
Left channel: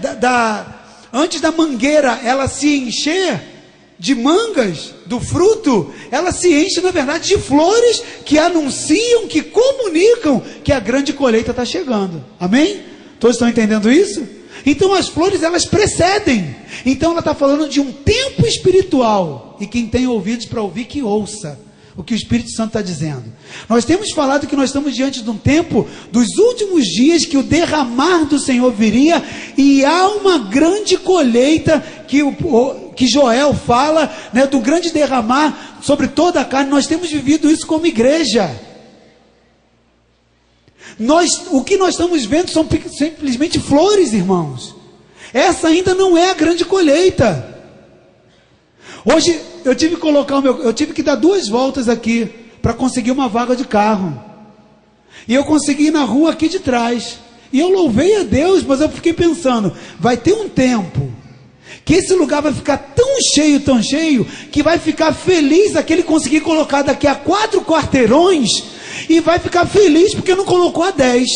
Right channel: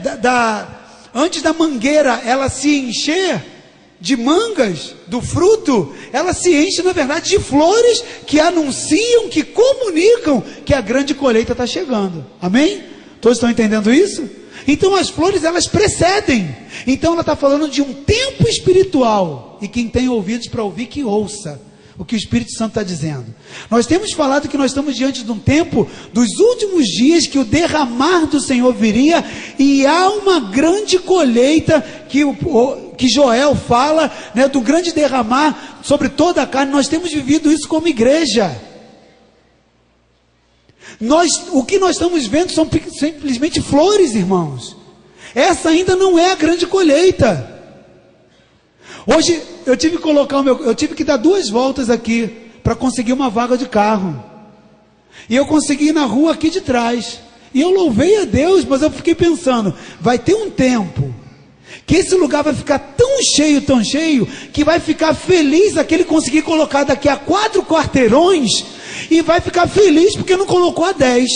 antes da mangueira ela se encher de mangas, do fruto, ela se enche, na verdade, de flores que anunciam, que comunicam que a grande colheita está chegando. Amém? Todos estão entendendo isso? Então as flores, elas precedem. Então ela está falando de um tempo espiritual. E quem tem ouvidos para ouvir, que ouça o que o Espírito Santo está dizendo. Nós temos falado que nós estamos diante de um tempo dos últimos dias, que o derramar do Senhor viria, e há uma grande colheita que Joel fala, né, do grande derramar sobre toda a carne. Nós temos vivido isso como igreja. O que nós estamos vendo são simplesmente flores, irmãos. Essa ainda não é a grande colheita. Hoje eu tive que dar 2 voltas aqui para conseguir uma vaga de carro. E eu consegui ir na rua aqui de trás. E eu louvei a Deus, mas eu fiquei pensando, vai ter um tempo que esse lugar vai ficar tão cheio, que vai ficar feliz aquele conseguir colocar daqui a 4 quarteirões, e vai ficar feliz porque não colocou a 10.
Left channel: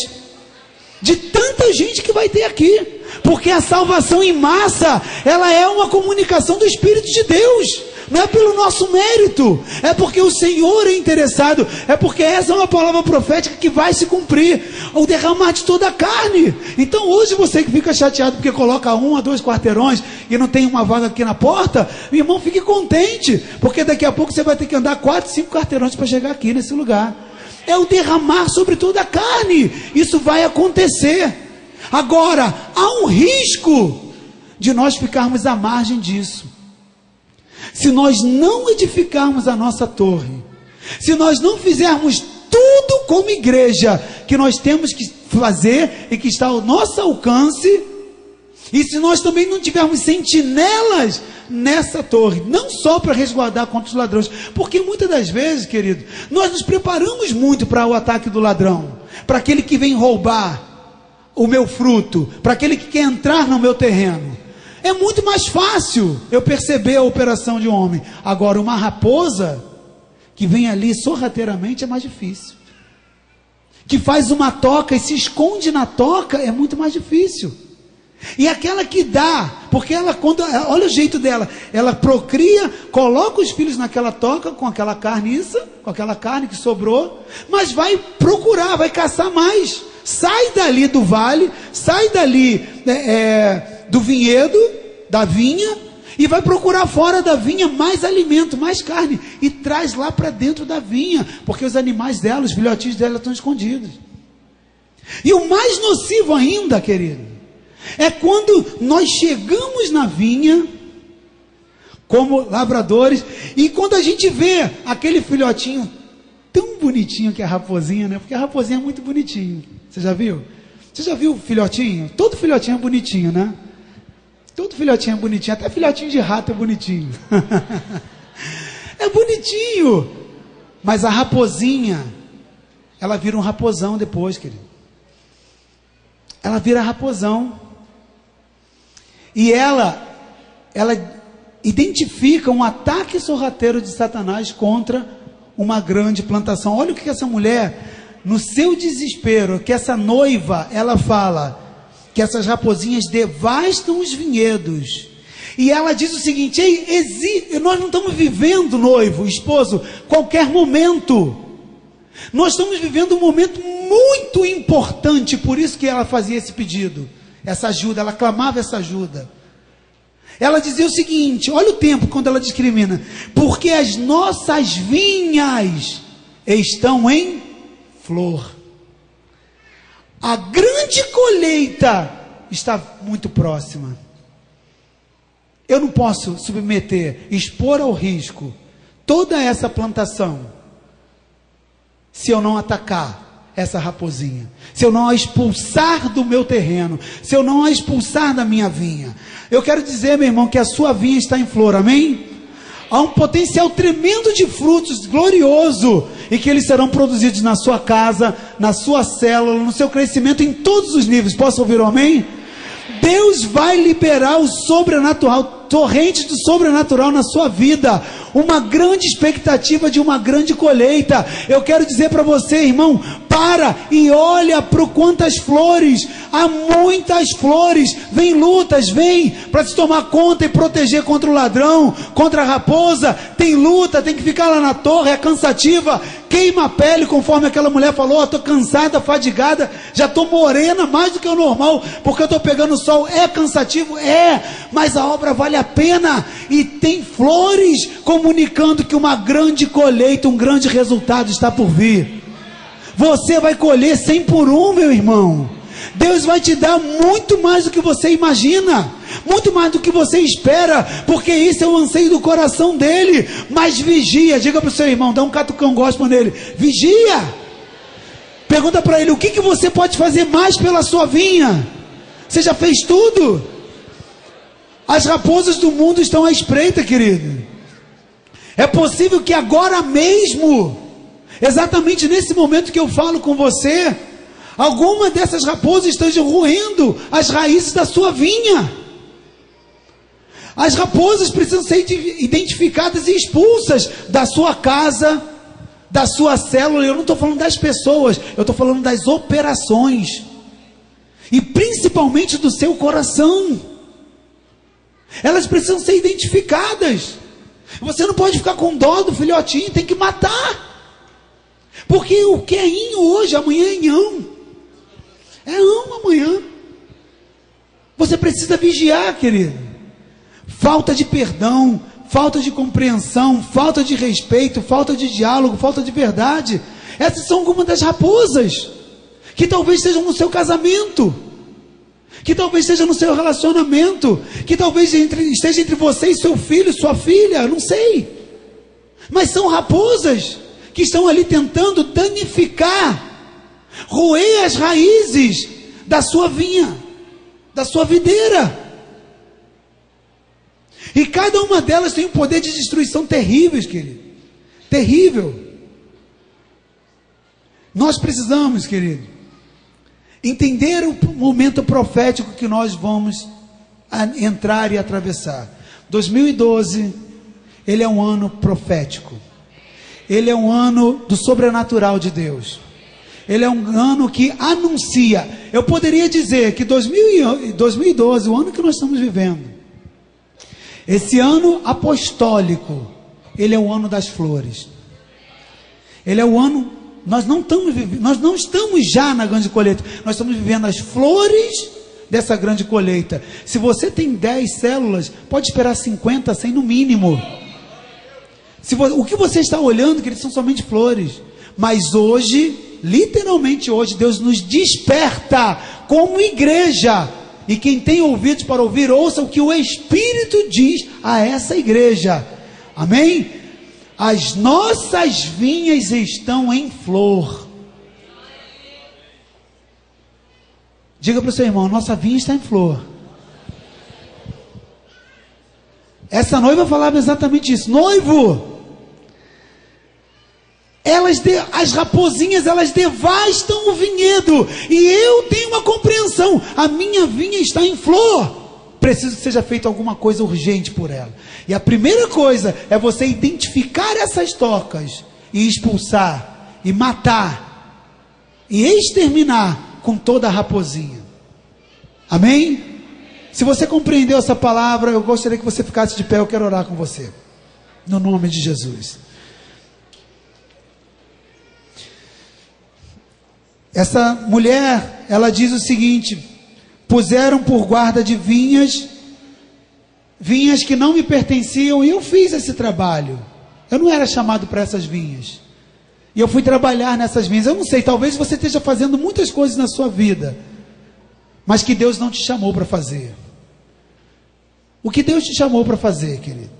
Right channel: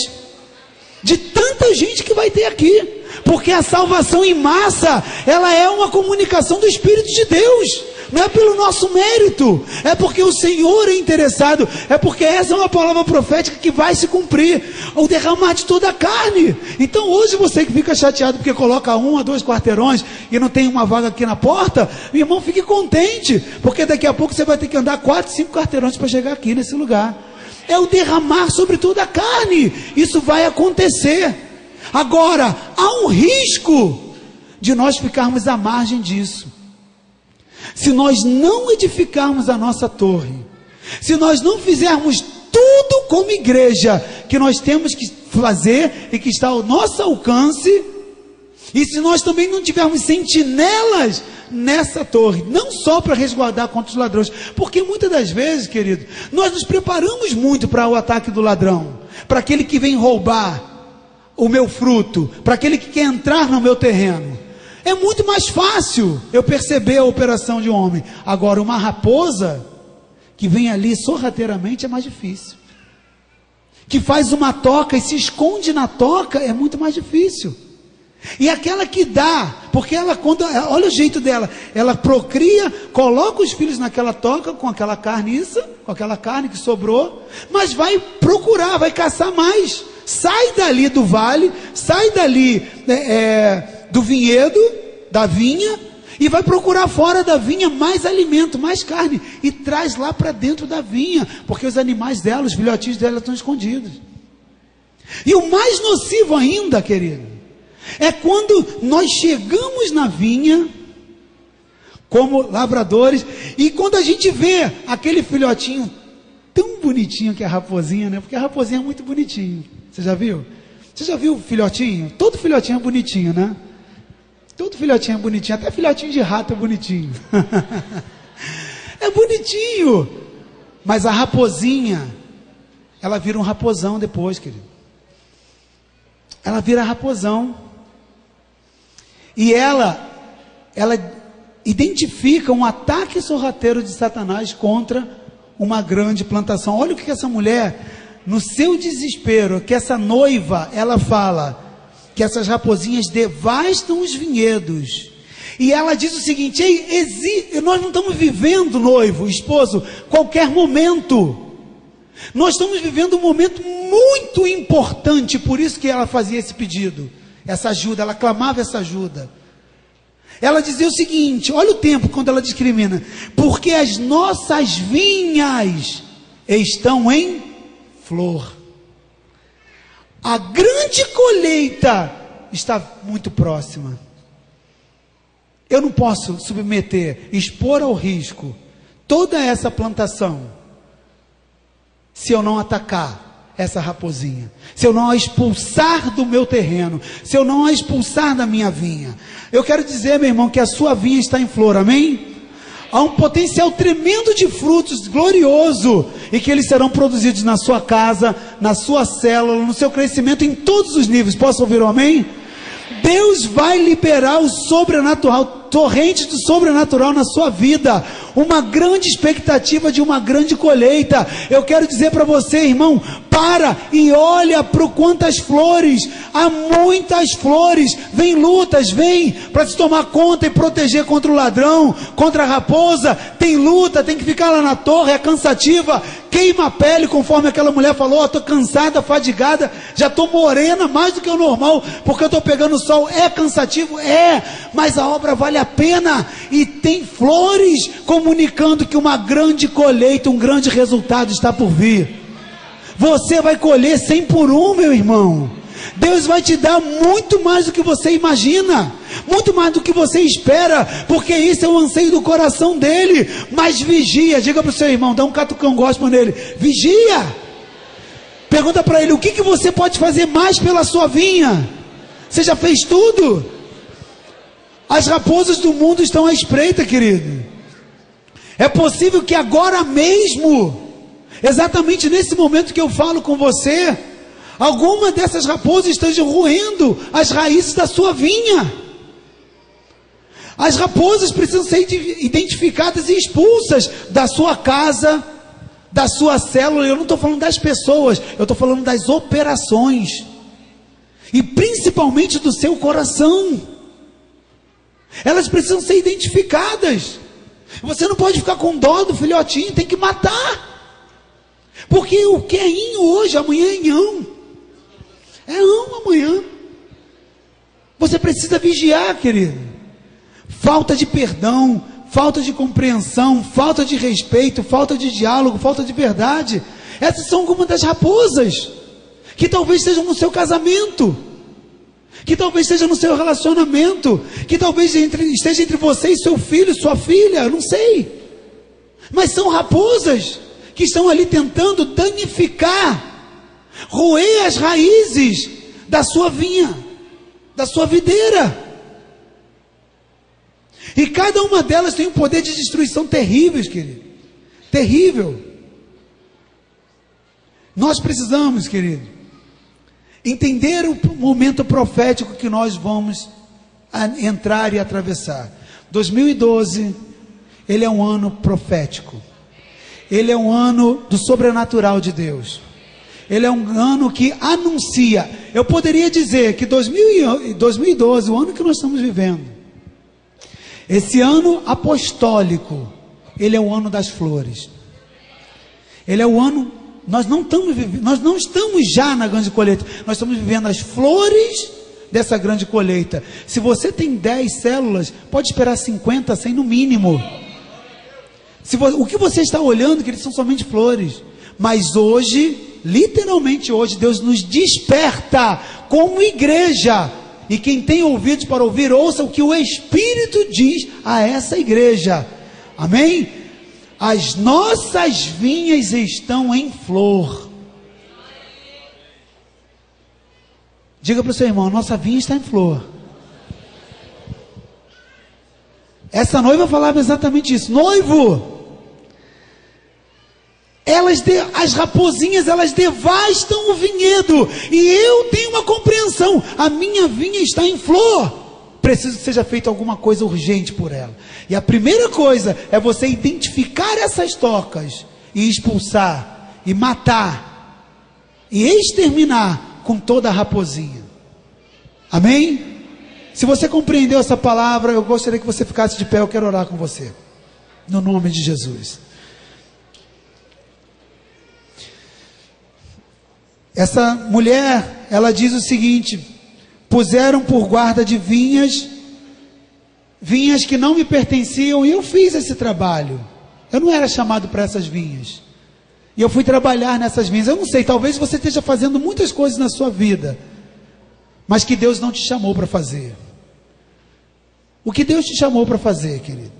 De tanta gente que vai ter aqui. Porque a salvação em massa, ela é uma comunicação do Espírito de Deus. Não é pelo nosso mérito, é porque o Senhor é interessado, é porque essa é uma palavra profética que vai se cumprir, o derramar de toda a carne. Então hoje você que fica chateado porque coloca 1 a 2 quarteirões e não tem uma vaga aqui na porta, meu irmão, fique contente, porque daqui a pouco você vai ter que andar 4, 5 quarteirões para chegar aqui nesse lugar. É o derramar sobre toda a carne. Isso vai acontecer. Agora, há um risco de nós ficarmos à margem disso. Se nós não edificarmos a nossa torre, se nós não fizermos tudo como igreja que nós temos que fazer e que está ao nosso alcance, e se nós também não tivermos sentinelas nessa torre, não só para resguardar contra os ladrões, porque muitas das vezes, querido, nós nos preparamos muito para o ataque do ladrão, para aquele que vem roubar o meu fruto, para aquele que quer entrar no meu terreno. É muito mais fácil eu perceber a operação de um homem. Agora, uma raposa que vem ali sorrateiramente é mais difícil. Que faz uma toca e se esconde na toca é muito mais difícil. E aquela que dá, porque olha o jeito dela, ela procria, coloca os filhos naquela toca com aquela carniça, com aquela carne que sobrou, mas vai procurar, vai caçar mais. Sai dali do vale, sai dali do vinhedo, da vinha, e vai procurar fora da vinha mais alimento, mais carne, e traz lá para dentro da vinha, porque os animais dela, os filhotinhos dela estão escondidos. E o mais nocivo ainda, querido, é quando nós chegamos na vinha, como lavradores, e quando a gente vê aquele filhotinho tão bonitinho que é a raposinha, né? Porque a raposinha é muito bonitinho. Você já viu? Você já viu o filhotinho? Todo filhotinho é bonitinho, né? Todo filhotinho é bonitinho, até filhotinho de rato é bonitinho. É bonitinho. Mas a raposinha, ela vira um raposão depois, querido. Ela vira raposão. E ela identifica um ataque sorrateiro de Satanás contra uma grande plantação. Olha o que essa mulher, no seu desespero, que essa noiva, ela fala que essas raposinhas devastam os vinhedos. E ela diz o seguinte: nós não estamos vivendo, noivo, esposo, qualquer momento. Nós estamos vivendo um momento muito importante, por isso que ela fazia esse pedido, essa ajuda, ela clamava essa ajuda. Ela dizia o seguinte, olha o tempo quando ela discrimina: porque as nossas vinhas estão em flor. A grande colheita está muito próxima. Eu não posso submeter, expor ao risco toda essa plantação se eu não atacar essa raposinha, se eu não a expulsar do meu terreno, se eu não a expulsar da minha vinha. Eu quero dizer, meu irmão, que a sua vinha está em flor, amém? Há um potencial tremendo de frutos, glorioso, e que eles serão produzidos na sua casa, na sua célula, no seu crescimento, em todos os níveis. Posso ouvir um amém? Deus vai liberar o sobrenatural, torrente do sobrenatural na sua vida, uma grande expectativa de uma grande colheita. Eu quero dizer para você, irmão, para e olha para quantas flores, há muitas flores, vem lutas, vem para te tomar conta e proteger contra o ladrão, contra a raposa, tem luta, tem que ficar lá na torre, é cansativa, queima a pele, conforme aquela mulher falou, estou cansada, fadigada, já estou morena mais do que o normal, porque eu estou pegando sol, é cansativo, mas a obra vale a pena, e tem flores comunicando que uma grande colheita, um grande resultado está por vir. Você vai colher 100 por 1, meu irmão. Deus vai te dar muito mais do que você imagina, muito mais do que você espera, porque isso é o anseio do coração dele. Mas vigia, diga para o seu irmão, dá um catucão gospel nele, vigia. Pergunta para ele, o que você pode fazer mais pela sua vinha? Você já fez tudo? As raposas do mundo estão à espreita, querido. É possível que agora mesmo, exatamente nesse momento que eu falo com você, alguma dessas raposas estejam roendo as raízes da sua vinha. As raposas precisam ser identificadas e expulsas da sua casa, da sua célula. Eu não estou falando das pessoas, eu estou falando das operações, e principalmente do seu coração. Elas precisam ser identificadas. Você não pode ficar com dó do filhotinho, tem que matar, porque o que é inho hoje, amanhã é inhão, é ão amanhã. Você precisa vigiar, querido. Falta de perdão, falta de compreensão, falta de respeito, falta de diálogo, falta de verdade. Essas são algumas das raposas que talvez estejam no seu casamento, que talvez esteja no seu relacionamento, que talvez esteja entre você e seu filho, sua filha, eu não sei. Mas são raposas que estão ali tentando danificar, roer as raízes da sua vinha, da sua videira. E cada uma delas tem um poder de destruição terrível, querido. Terrível. Nós precisamos, querido, entender o momento profético que nós vamos entrar e atravessar. 2012, ele é um ano profético. Ele é um ano do sobrenatural de Deus. Ele é um ano que anuncia. Eu poderia dizer que 2012, o ano que nós estamos vivendo, esse ano apostólico, ele é o ano das flores. Ele é o ano, nós não estamos já na grande colheita, nós estamos vivendo as flores dessa grande colheita. Se você tem 10 células, pode esperar 50, 100 no mínimo. O que você está olhando, que eles são somente flores. Mas hoje, literalmente hoje, Deus nos desperta como igreja. E quem tem ouvidos para ouvir, ouça o que o Espírito diz a essa igreja. Amém? As nossas vinhas estão em flor. Diga para o seu irmão, a nossa vinha está em flor. Essa noiva falava exatamente isso. Noivo, as raposinhas, elas devastam o vinhedo, e eu tenho uma compreensão, a minha vinha está em flor, preciso que seja feita alguma coisa urgente por ela. E a primeira coisa é você identificar essas tocas e expulsar, e matar, e exterminar com toda a raposinha. Amém? Se você compreendeu essa palavra, eu gostaria que você ficasse de pé, eu quero orar com você, no nome de Jesus. Essa mulher, ela diz o seguinte: puseram por guarda de vinhas que não me pertenciam, e eu fiz esse trabalho. Eu não era chamado para essas vinhas. E eu fui trabalhar nessas vinhas. Eu não sei, talvez você esteja fazendo muitas coisas na sua vida, mas que Deus não te chamou para fazer. O que Deus te chamou para fazer, querido?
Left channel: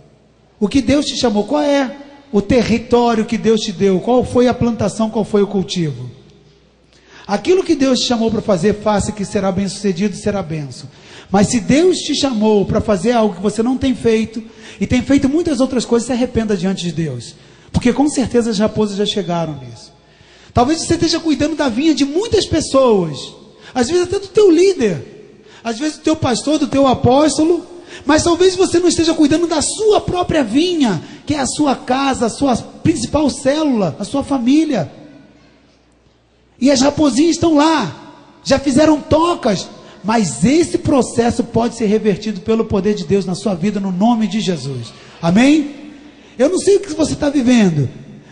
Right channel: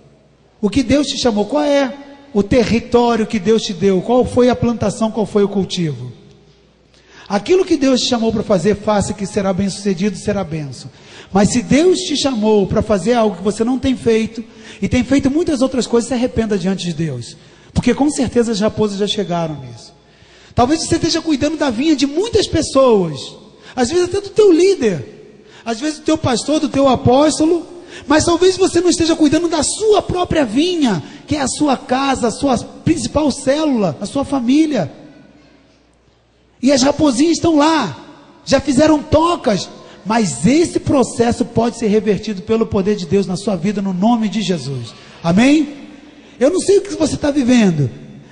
O que Deus te chamou? Qual é o território que Deus te deu? Qual foi a plantação? Qual foi o cultivo? Aquilo que Deus te chamou para fazer, faça, que será bem sucedido, será benção. Mas se Deus te chamou para fazer algo que você não tem feito, e tem feito muitas outras coisas, se arrependa diante de Deus. Porque com certeza as raposas já chegaram nisso. Talvez você esteja cuidando da vinha de muitas pessoas. Às vezes até do teu líder. Às vezes do teu pastor, do teu apóstolo. Mas talvez você não esteja cuidando da sua própria vinha, que é a sua casa, a sua principal célula, a sua família. E as raposinhas estão lá. Já fizeram tocas. Mas esse processo pode ser revertido pelo poder de Deus na sua vida, no nome de Jesus. Amém? Eu não sei o que você está vivendo,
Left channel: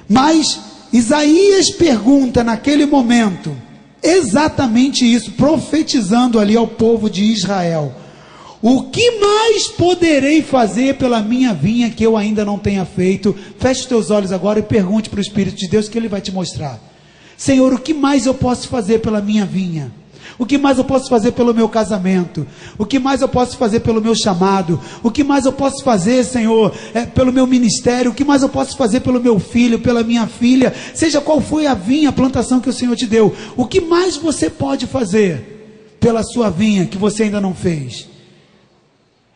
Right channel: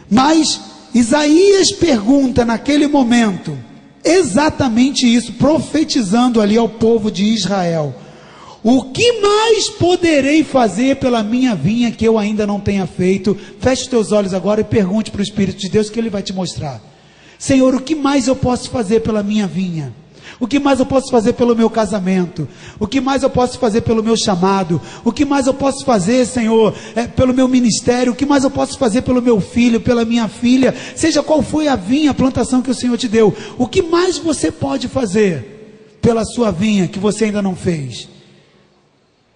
mas Isaías pergunta naquele momento, exatamente isso, profetizando ali ao povo de Israel: o que mais poderei fazer pela minha vinha que eu ainda não tenha feito? Feche os teus olhos agora e pergunte para o Espírito de Deus, que Ele vai te mostrar. Senhor, o que mais eu posso fazer pela minha vinha? O que mais eu posso fazer pelo meu casamento? O que mais eu posso fazer pelo meu chamado? O que mais eu posso fazer, Senhor, pelo meu ministério? O que mais eu posso fazer pelo meu filho, pela minha filha? Seja qual foi a vinha, a plantação que o Senhor te deu. O que mais você pode fazer pela sua vinha que você ainda não fez?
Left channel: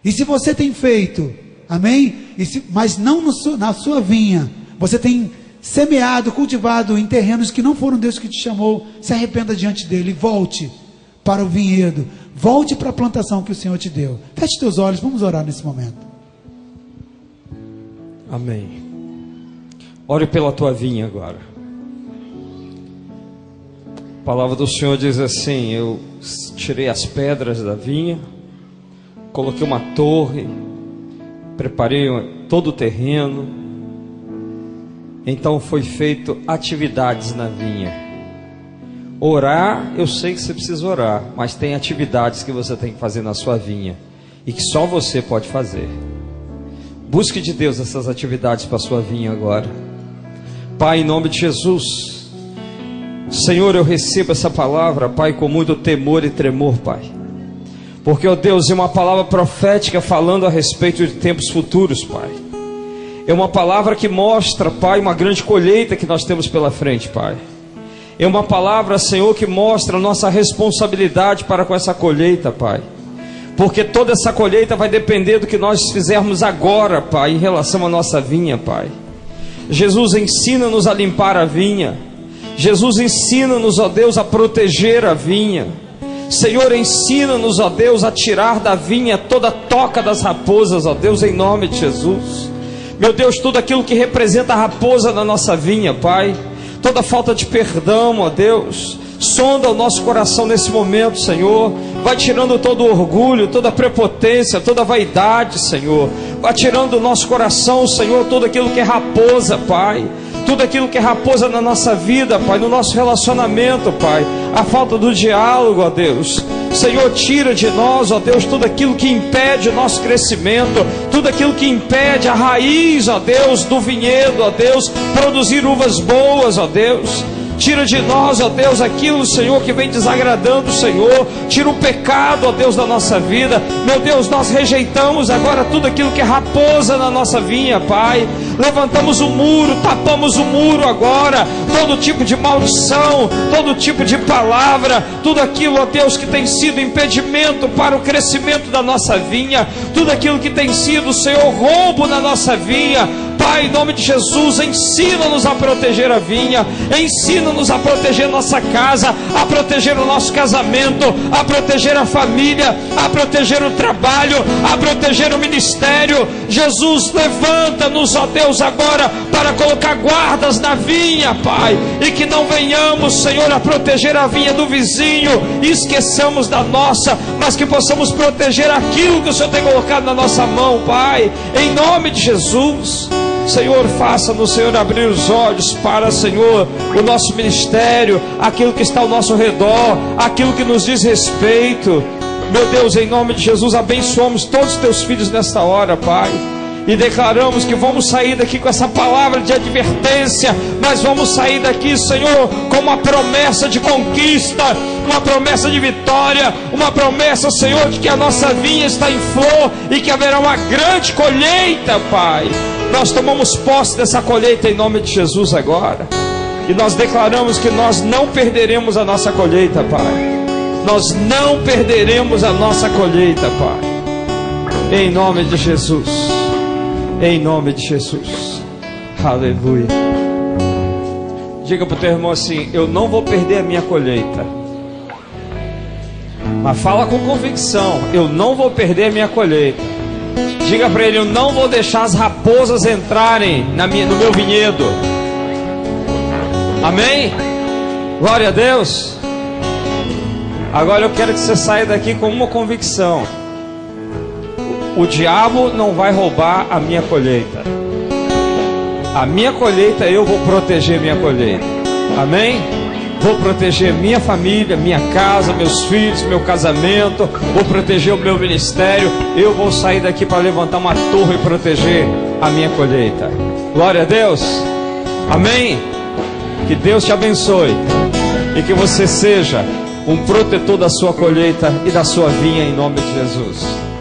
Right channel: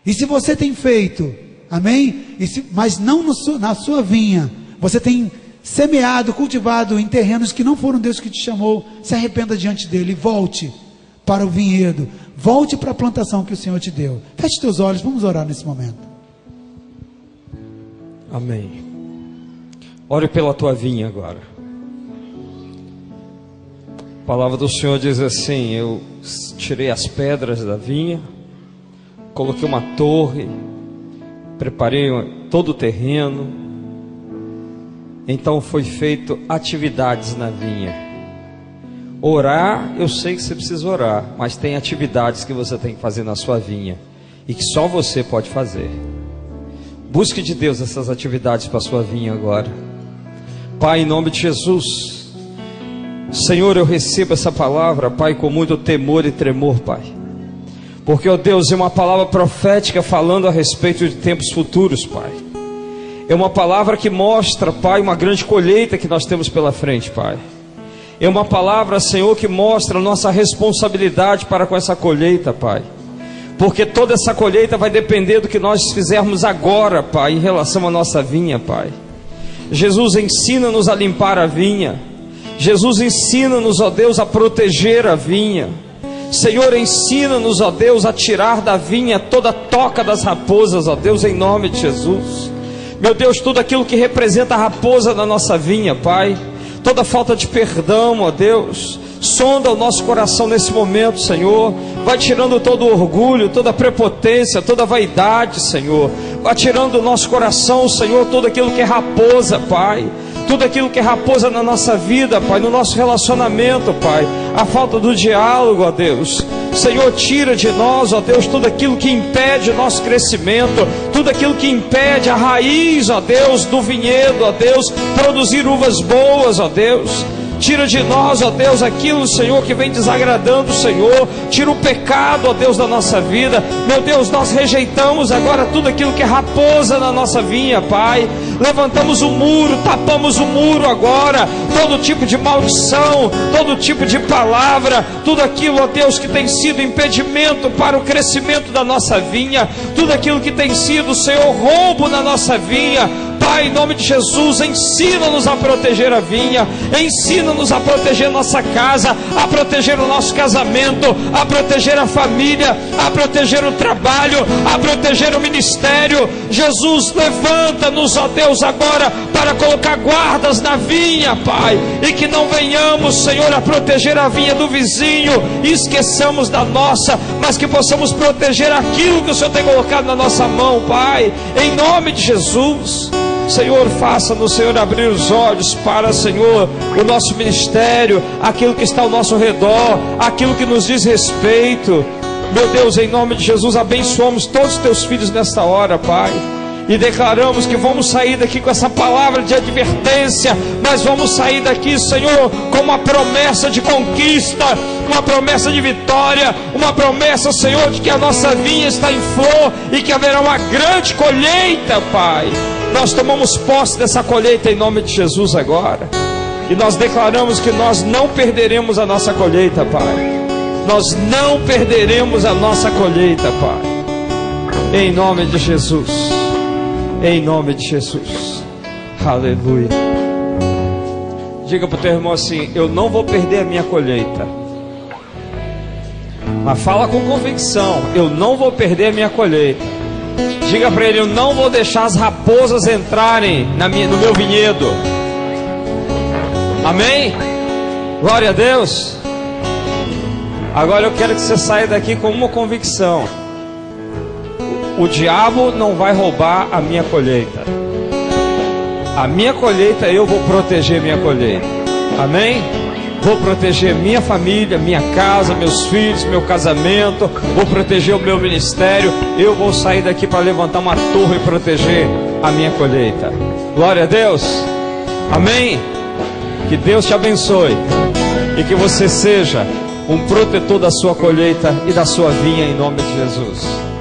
E se você tem feito, amém? Mas não na sua vinha, você tem semeado, cultivado em terrenos que não foram Deus que te chamou, se arrependa diante dele e volte para o vinhedo, volte para a plantação que o Senhor te deu. Feche teus olhos, vamos orar nesse momento. Amém. Ore pela tua vinha agora. A palavra do Senhor diz assim: eu tirei as pedras da vinha, coloquei uma torre, preparei todo o terreno, então foi feito atividades na vinha. Orar, eu sei que você precisa orar, mas tem atividades que você tem que fazer na sua vinha e que só você pode fazer. Busque de Deus essas atividades para a sua vinha agora. Pai, em nome de Jesus, Senhor, eu recebo essa palavra, Pai, com muito temor e tremor, Pai, porque, ó Deus, é uma palavra profética falando a respeito de tempos futuros, Pai. É uma palavra que mostra, Pai, uma grande colheita que nós temos pela frente, Pai. É uma palavra, Senhor, que mostra a nossa responsabilidade para com essa colheita, Pai. Porque toda essa colheita vai depender do que nós fizermos agora, Pai, em relação à nossa vinha, Pai. Jesus, ensina-nos a limpar a vinha. Jesus, ensina-nos, ó Deus, a proteger a vinha. Senhor, ensina-nos, ó Deus, a tirar da vinha toda a toca das raposas, ó Deus, em nome de Jesus. Meu Deus, tudo aquilo que representa a raposa da nossa vinha, Pai, toda falta de perdão, ó Deus, sonda o nosso coração nesse momento, Senhor. Vai tirando todo o orgulho, toda a prepotência, toda a vaidade, Senhor. Vai tirando do nosso coração, Senhor, tudo aquilo que é raposa, Pai. Tudo aquilo que é raposa na nossa vida, Pai, no nosso relacionamento, Pai. A falta do diálogo, ó Deus. Senhor, tira de nós, ó Deus, tudo aquilo que impede o nosso crescimento, tudo aquilo que impede a raiz, ó Deus, do vinhedo, ó Deus, produzir uvas boas, ó Deus. Tira de nós, ó Deus, aquilo, Senhor, que vem desagradando o Senhor. Tira o pecado, ó Deus, da nossa vida. Meu Deus, nós rejeitamos agora tudo aquilo que é raposa na nossa vinha, Pai. Levantamos o muro, tapamos o muro agora. Todo tipo de maldição, todo tipo de palavra, tudo aquilo, ó Deus, que tem sido impedimento para o crescimento da nossa vinha, tudo aquilo que tem sido, Senhor, roubo na nossa vinha. Pai, em nome de Jesus, ensina-nos a proteger a vinha, ensina-nos a proteger nossa casa, a proteger o nosso casamento, a proteger a família, a proteger o trabalho, a proteger o ministério. Jesus, levanta-nos, ó Deus, agora para colocar guardas na vinha, Pai, e que não venhamos, Senhor, a proteger a vinha do vizinho e esqueçamos da nossa, mas que possamos proteger aquilo que o Senhor tem colocado na nossa mão, Pai, em nome de Jesus. Senhor, faça-nos, Senhor, abrir os olhos para, Senhor, o nosso ministério, aquilo que está ao nosso redor, aquilo que nos diz respeito. Meu Deus, em nome de Jesus, abençoamos todos os teus filhos nesta hora, Pai. E declaramos que vamos sair daqui com essa palavra de advertência, mas vamos sair daqui, Senhor, com uma promessa de conquista, uma promessa de vitória, uma promessa, Senhor, de que a nossa vinha está em flor e que haverá uma grande colheita, Pai. Nós tomamos posse dessa colheita em nome de Jesus agora. E nós declaramos que nós não perderemos a nossa colheita, Pai. Nós não perderemos a nossa colheita, Pai. Em nome de Jesus. Em nome de Jesus. Aleluia. Diga para o teu irmão assim: eu não vou perder a minha colheita. Mas fala com convicção: eu não vou perder a minha colheita. Diga para ele: eu não vou deixar as raposas entrarem no meu vinhedo. Amém? Glória a Deus. Agora eu quero que você saia daqui com uma convicção: o diabo não vai roubar a minha colheita. A minha colheita, eu vou proteger minha colheita. Amém? Vou proteger minha família, minha casa, meus filhos, meu casamento. Vou proteger o meu ministério. Eu vou sair daqui para levantar uma torre e proteger a minha colheita. Glória a Deus. Amém? Que Deus te abençoe e que você seja um protetor da sua colheita e da sua vinha em nome de Jesus.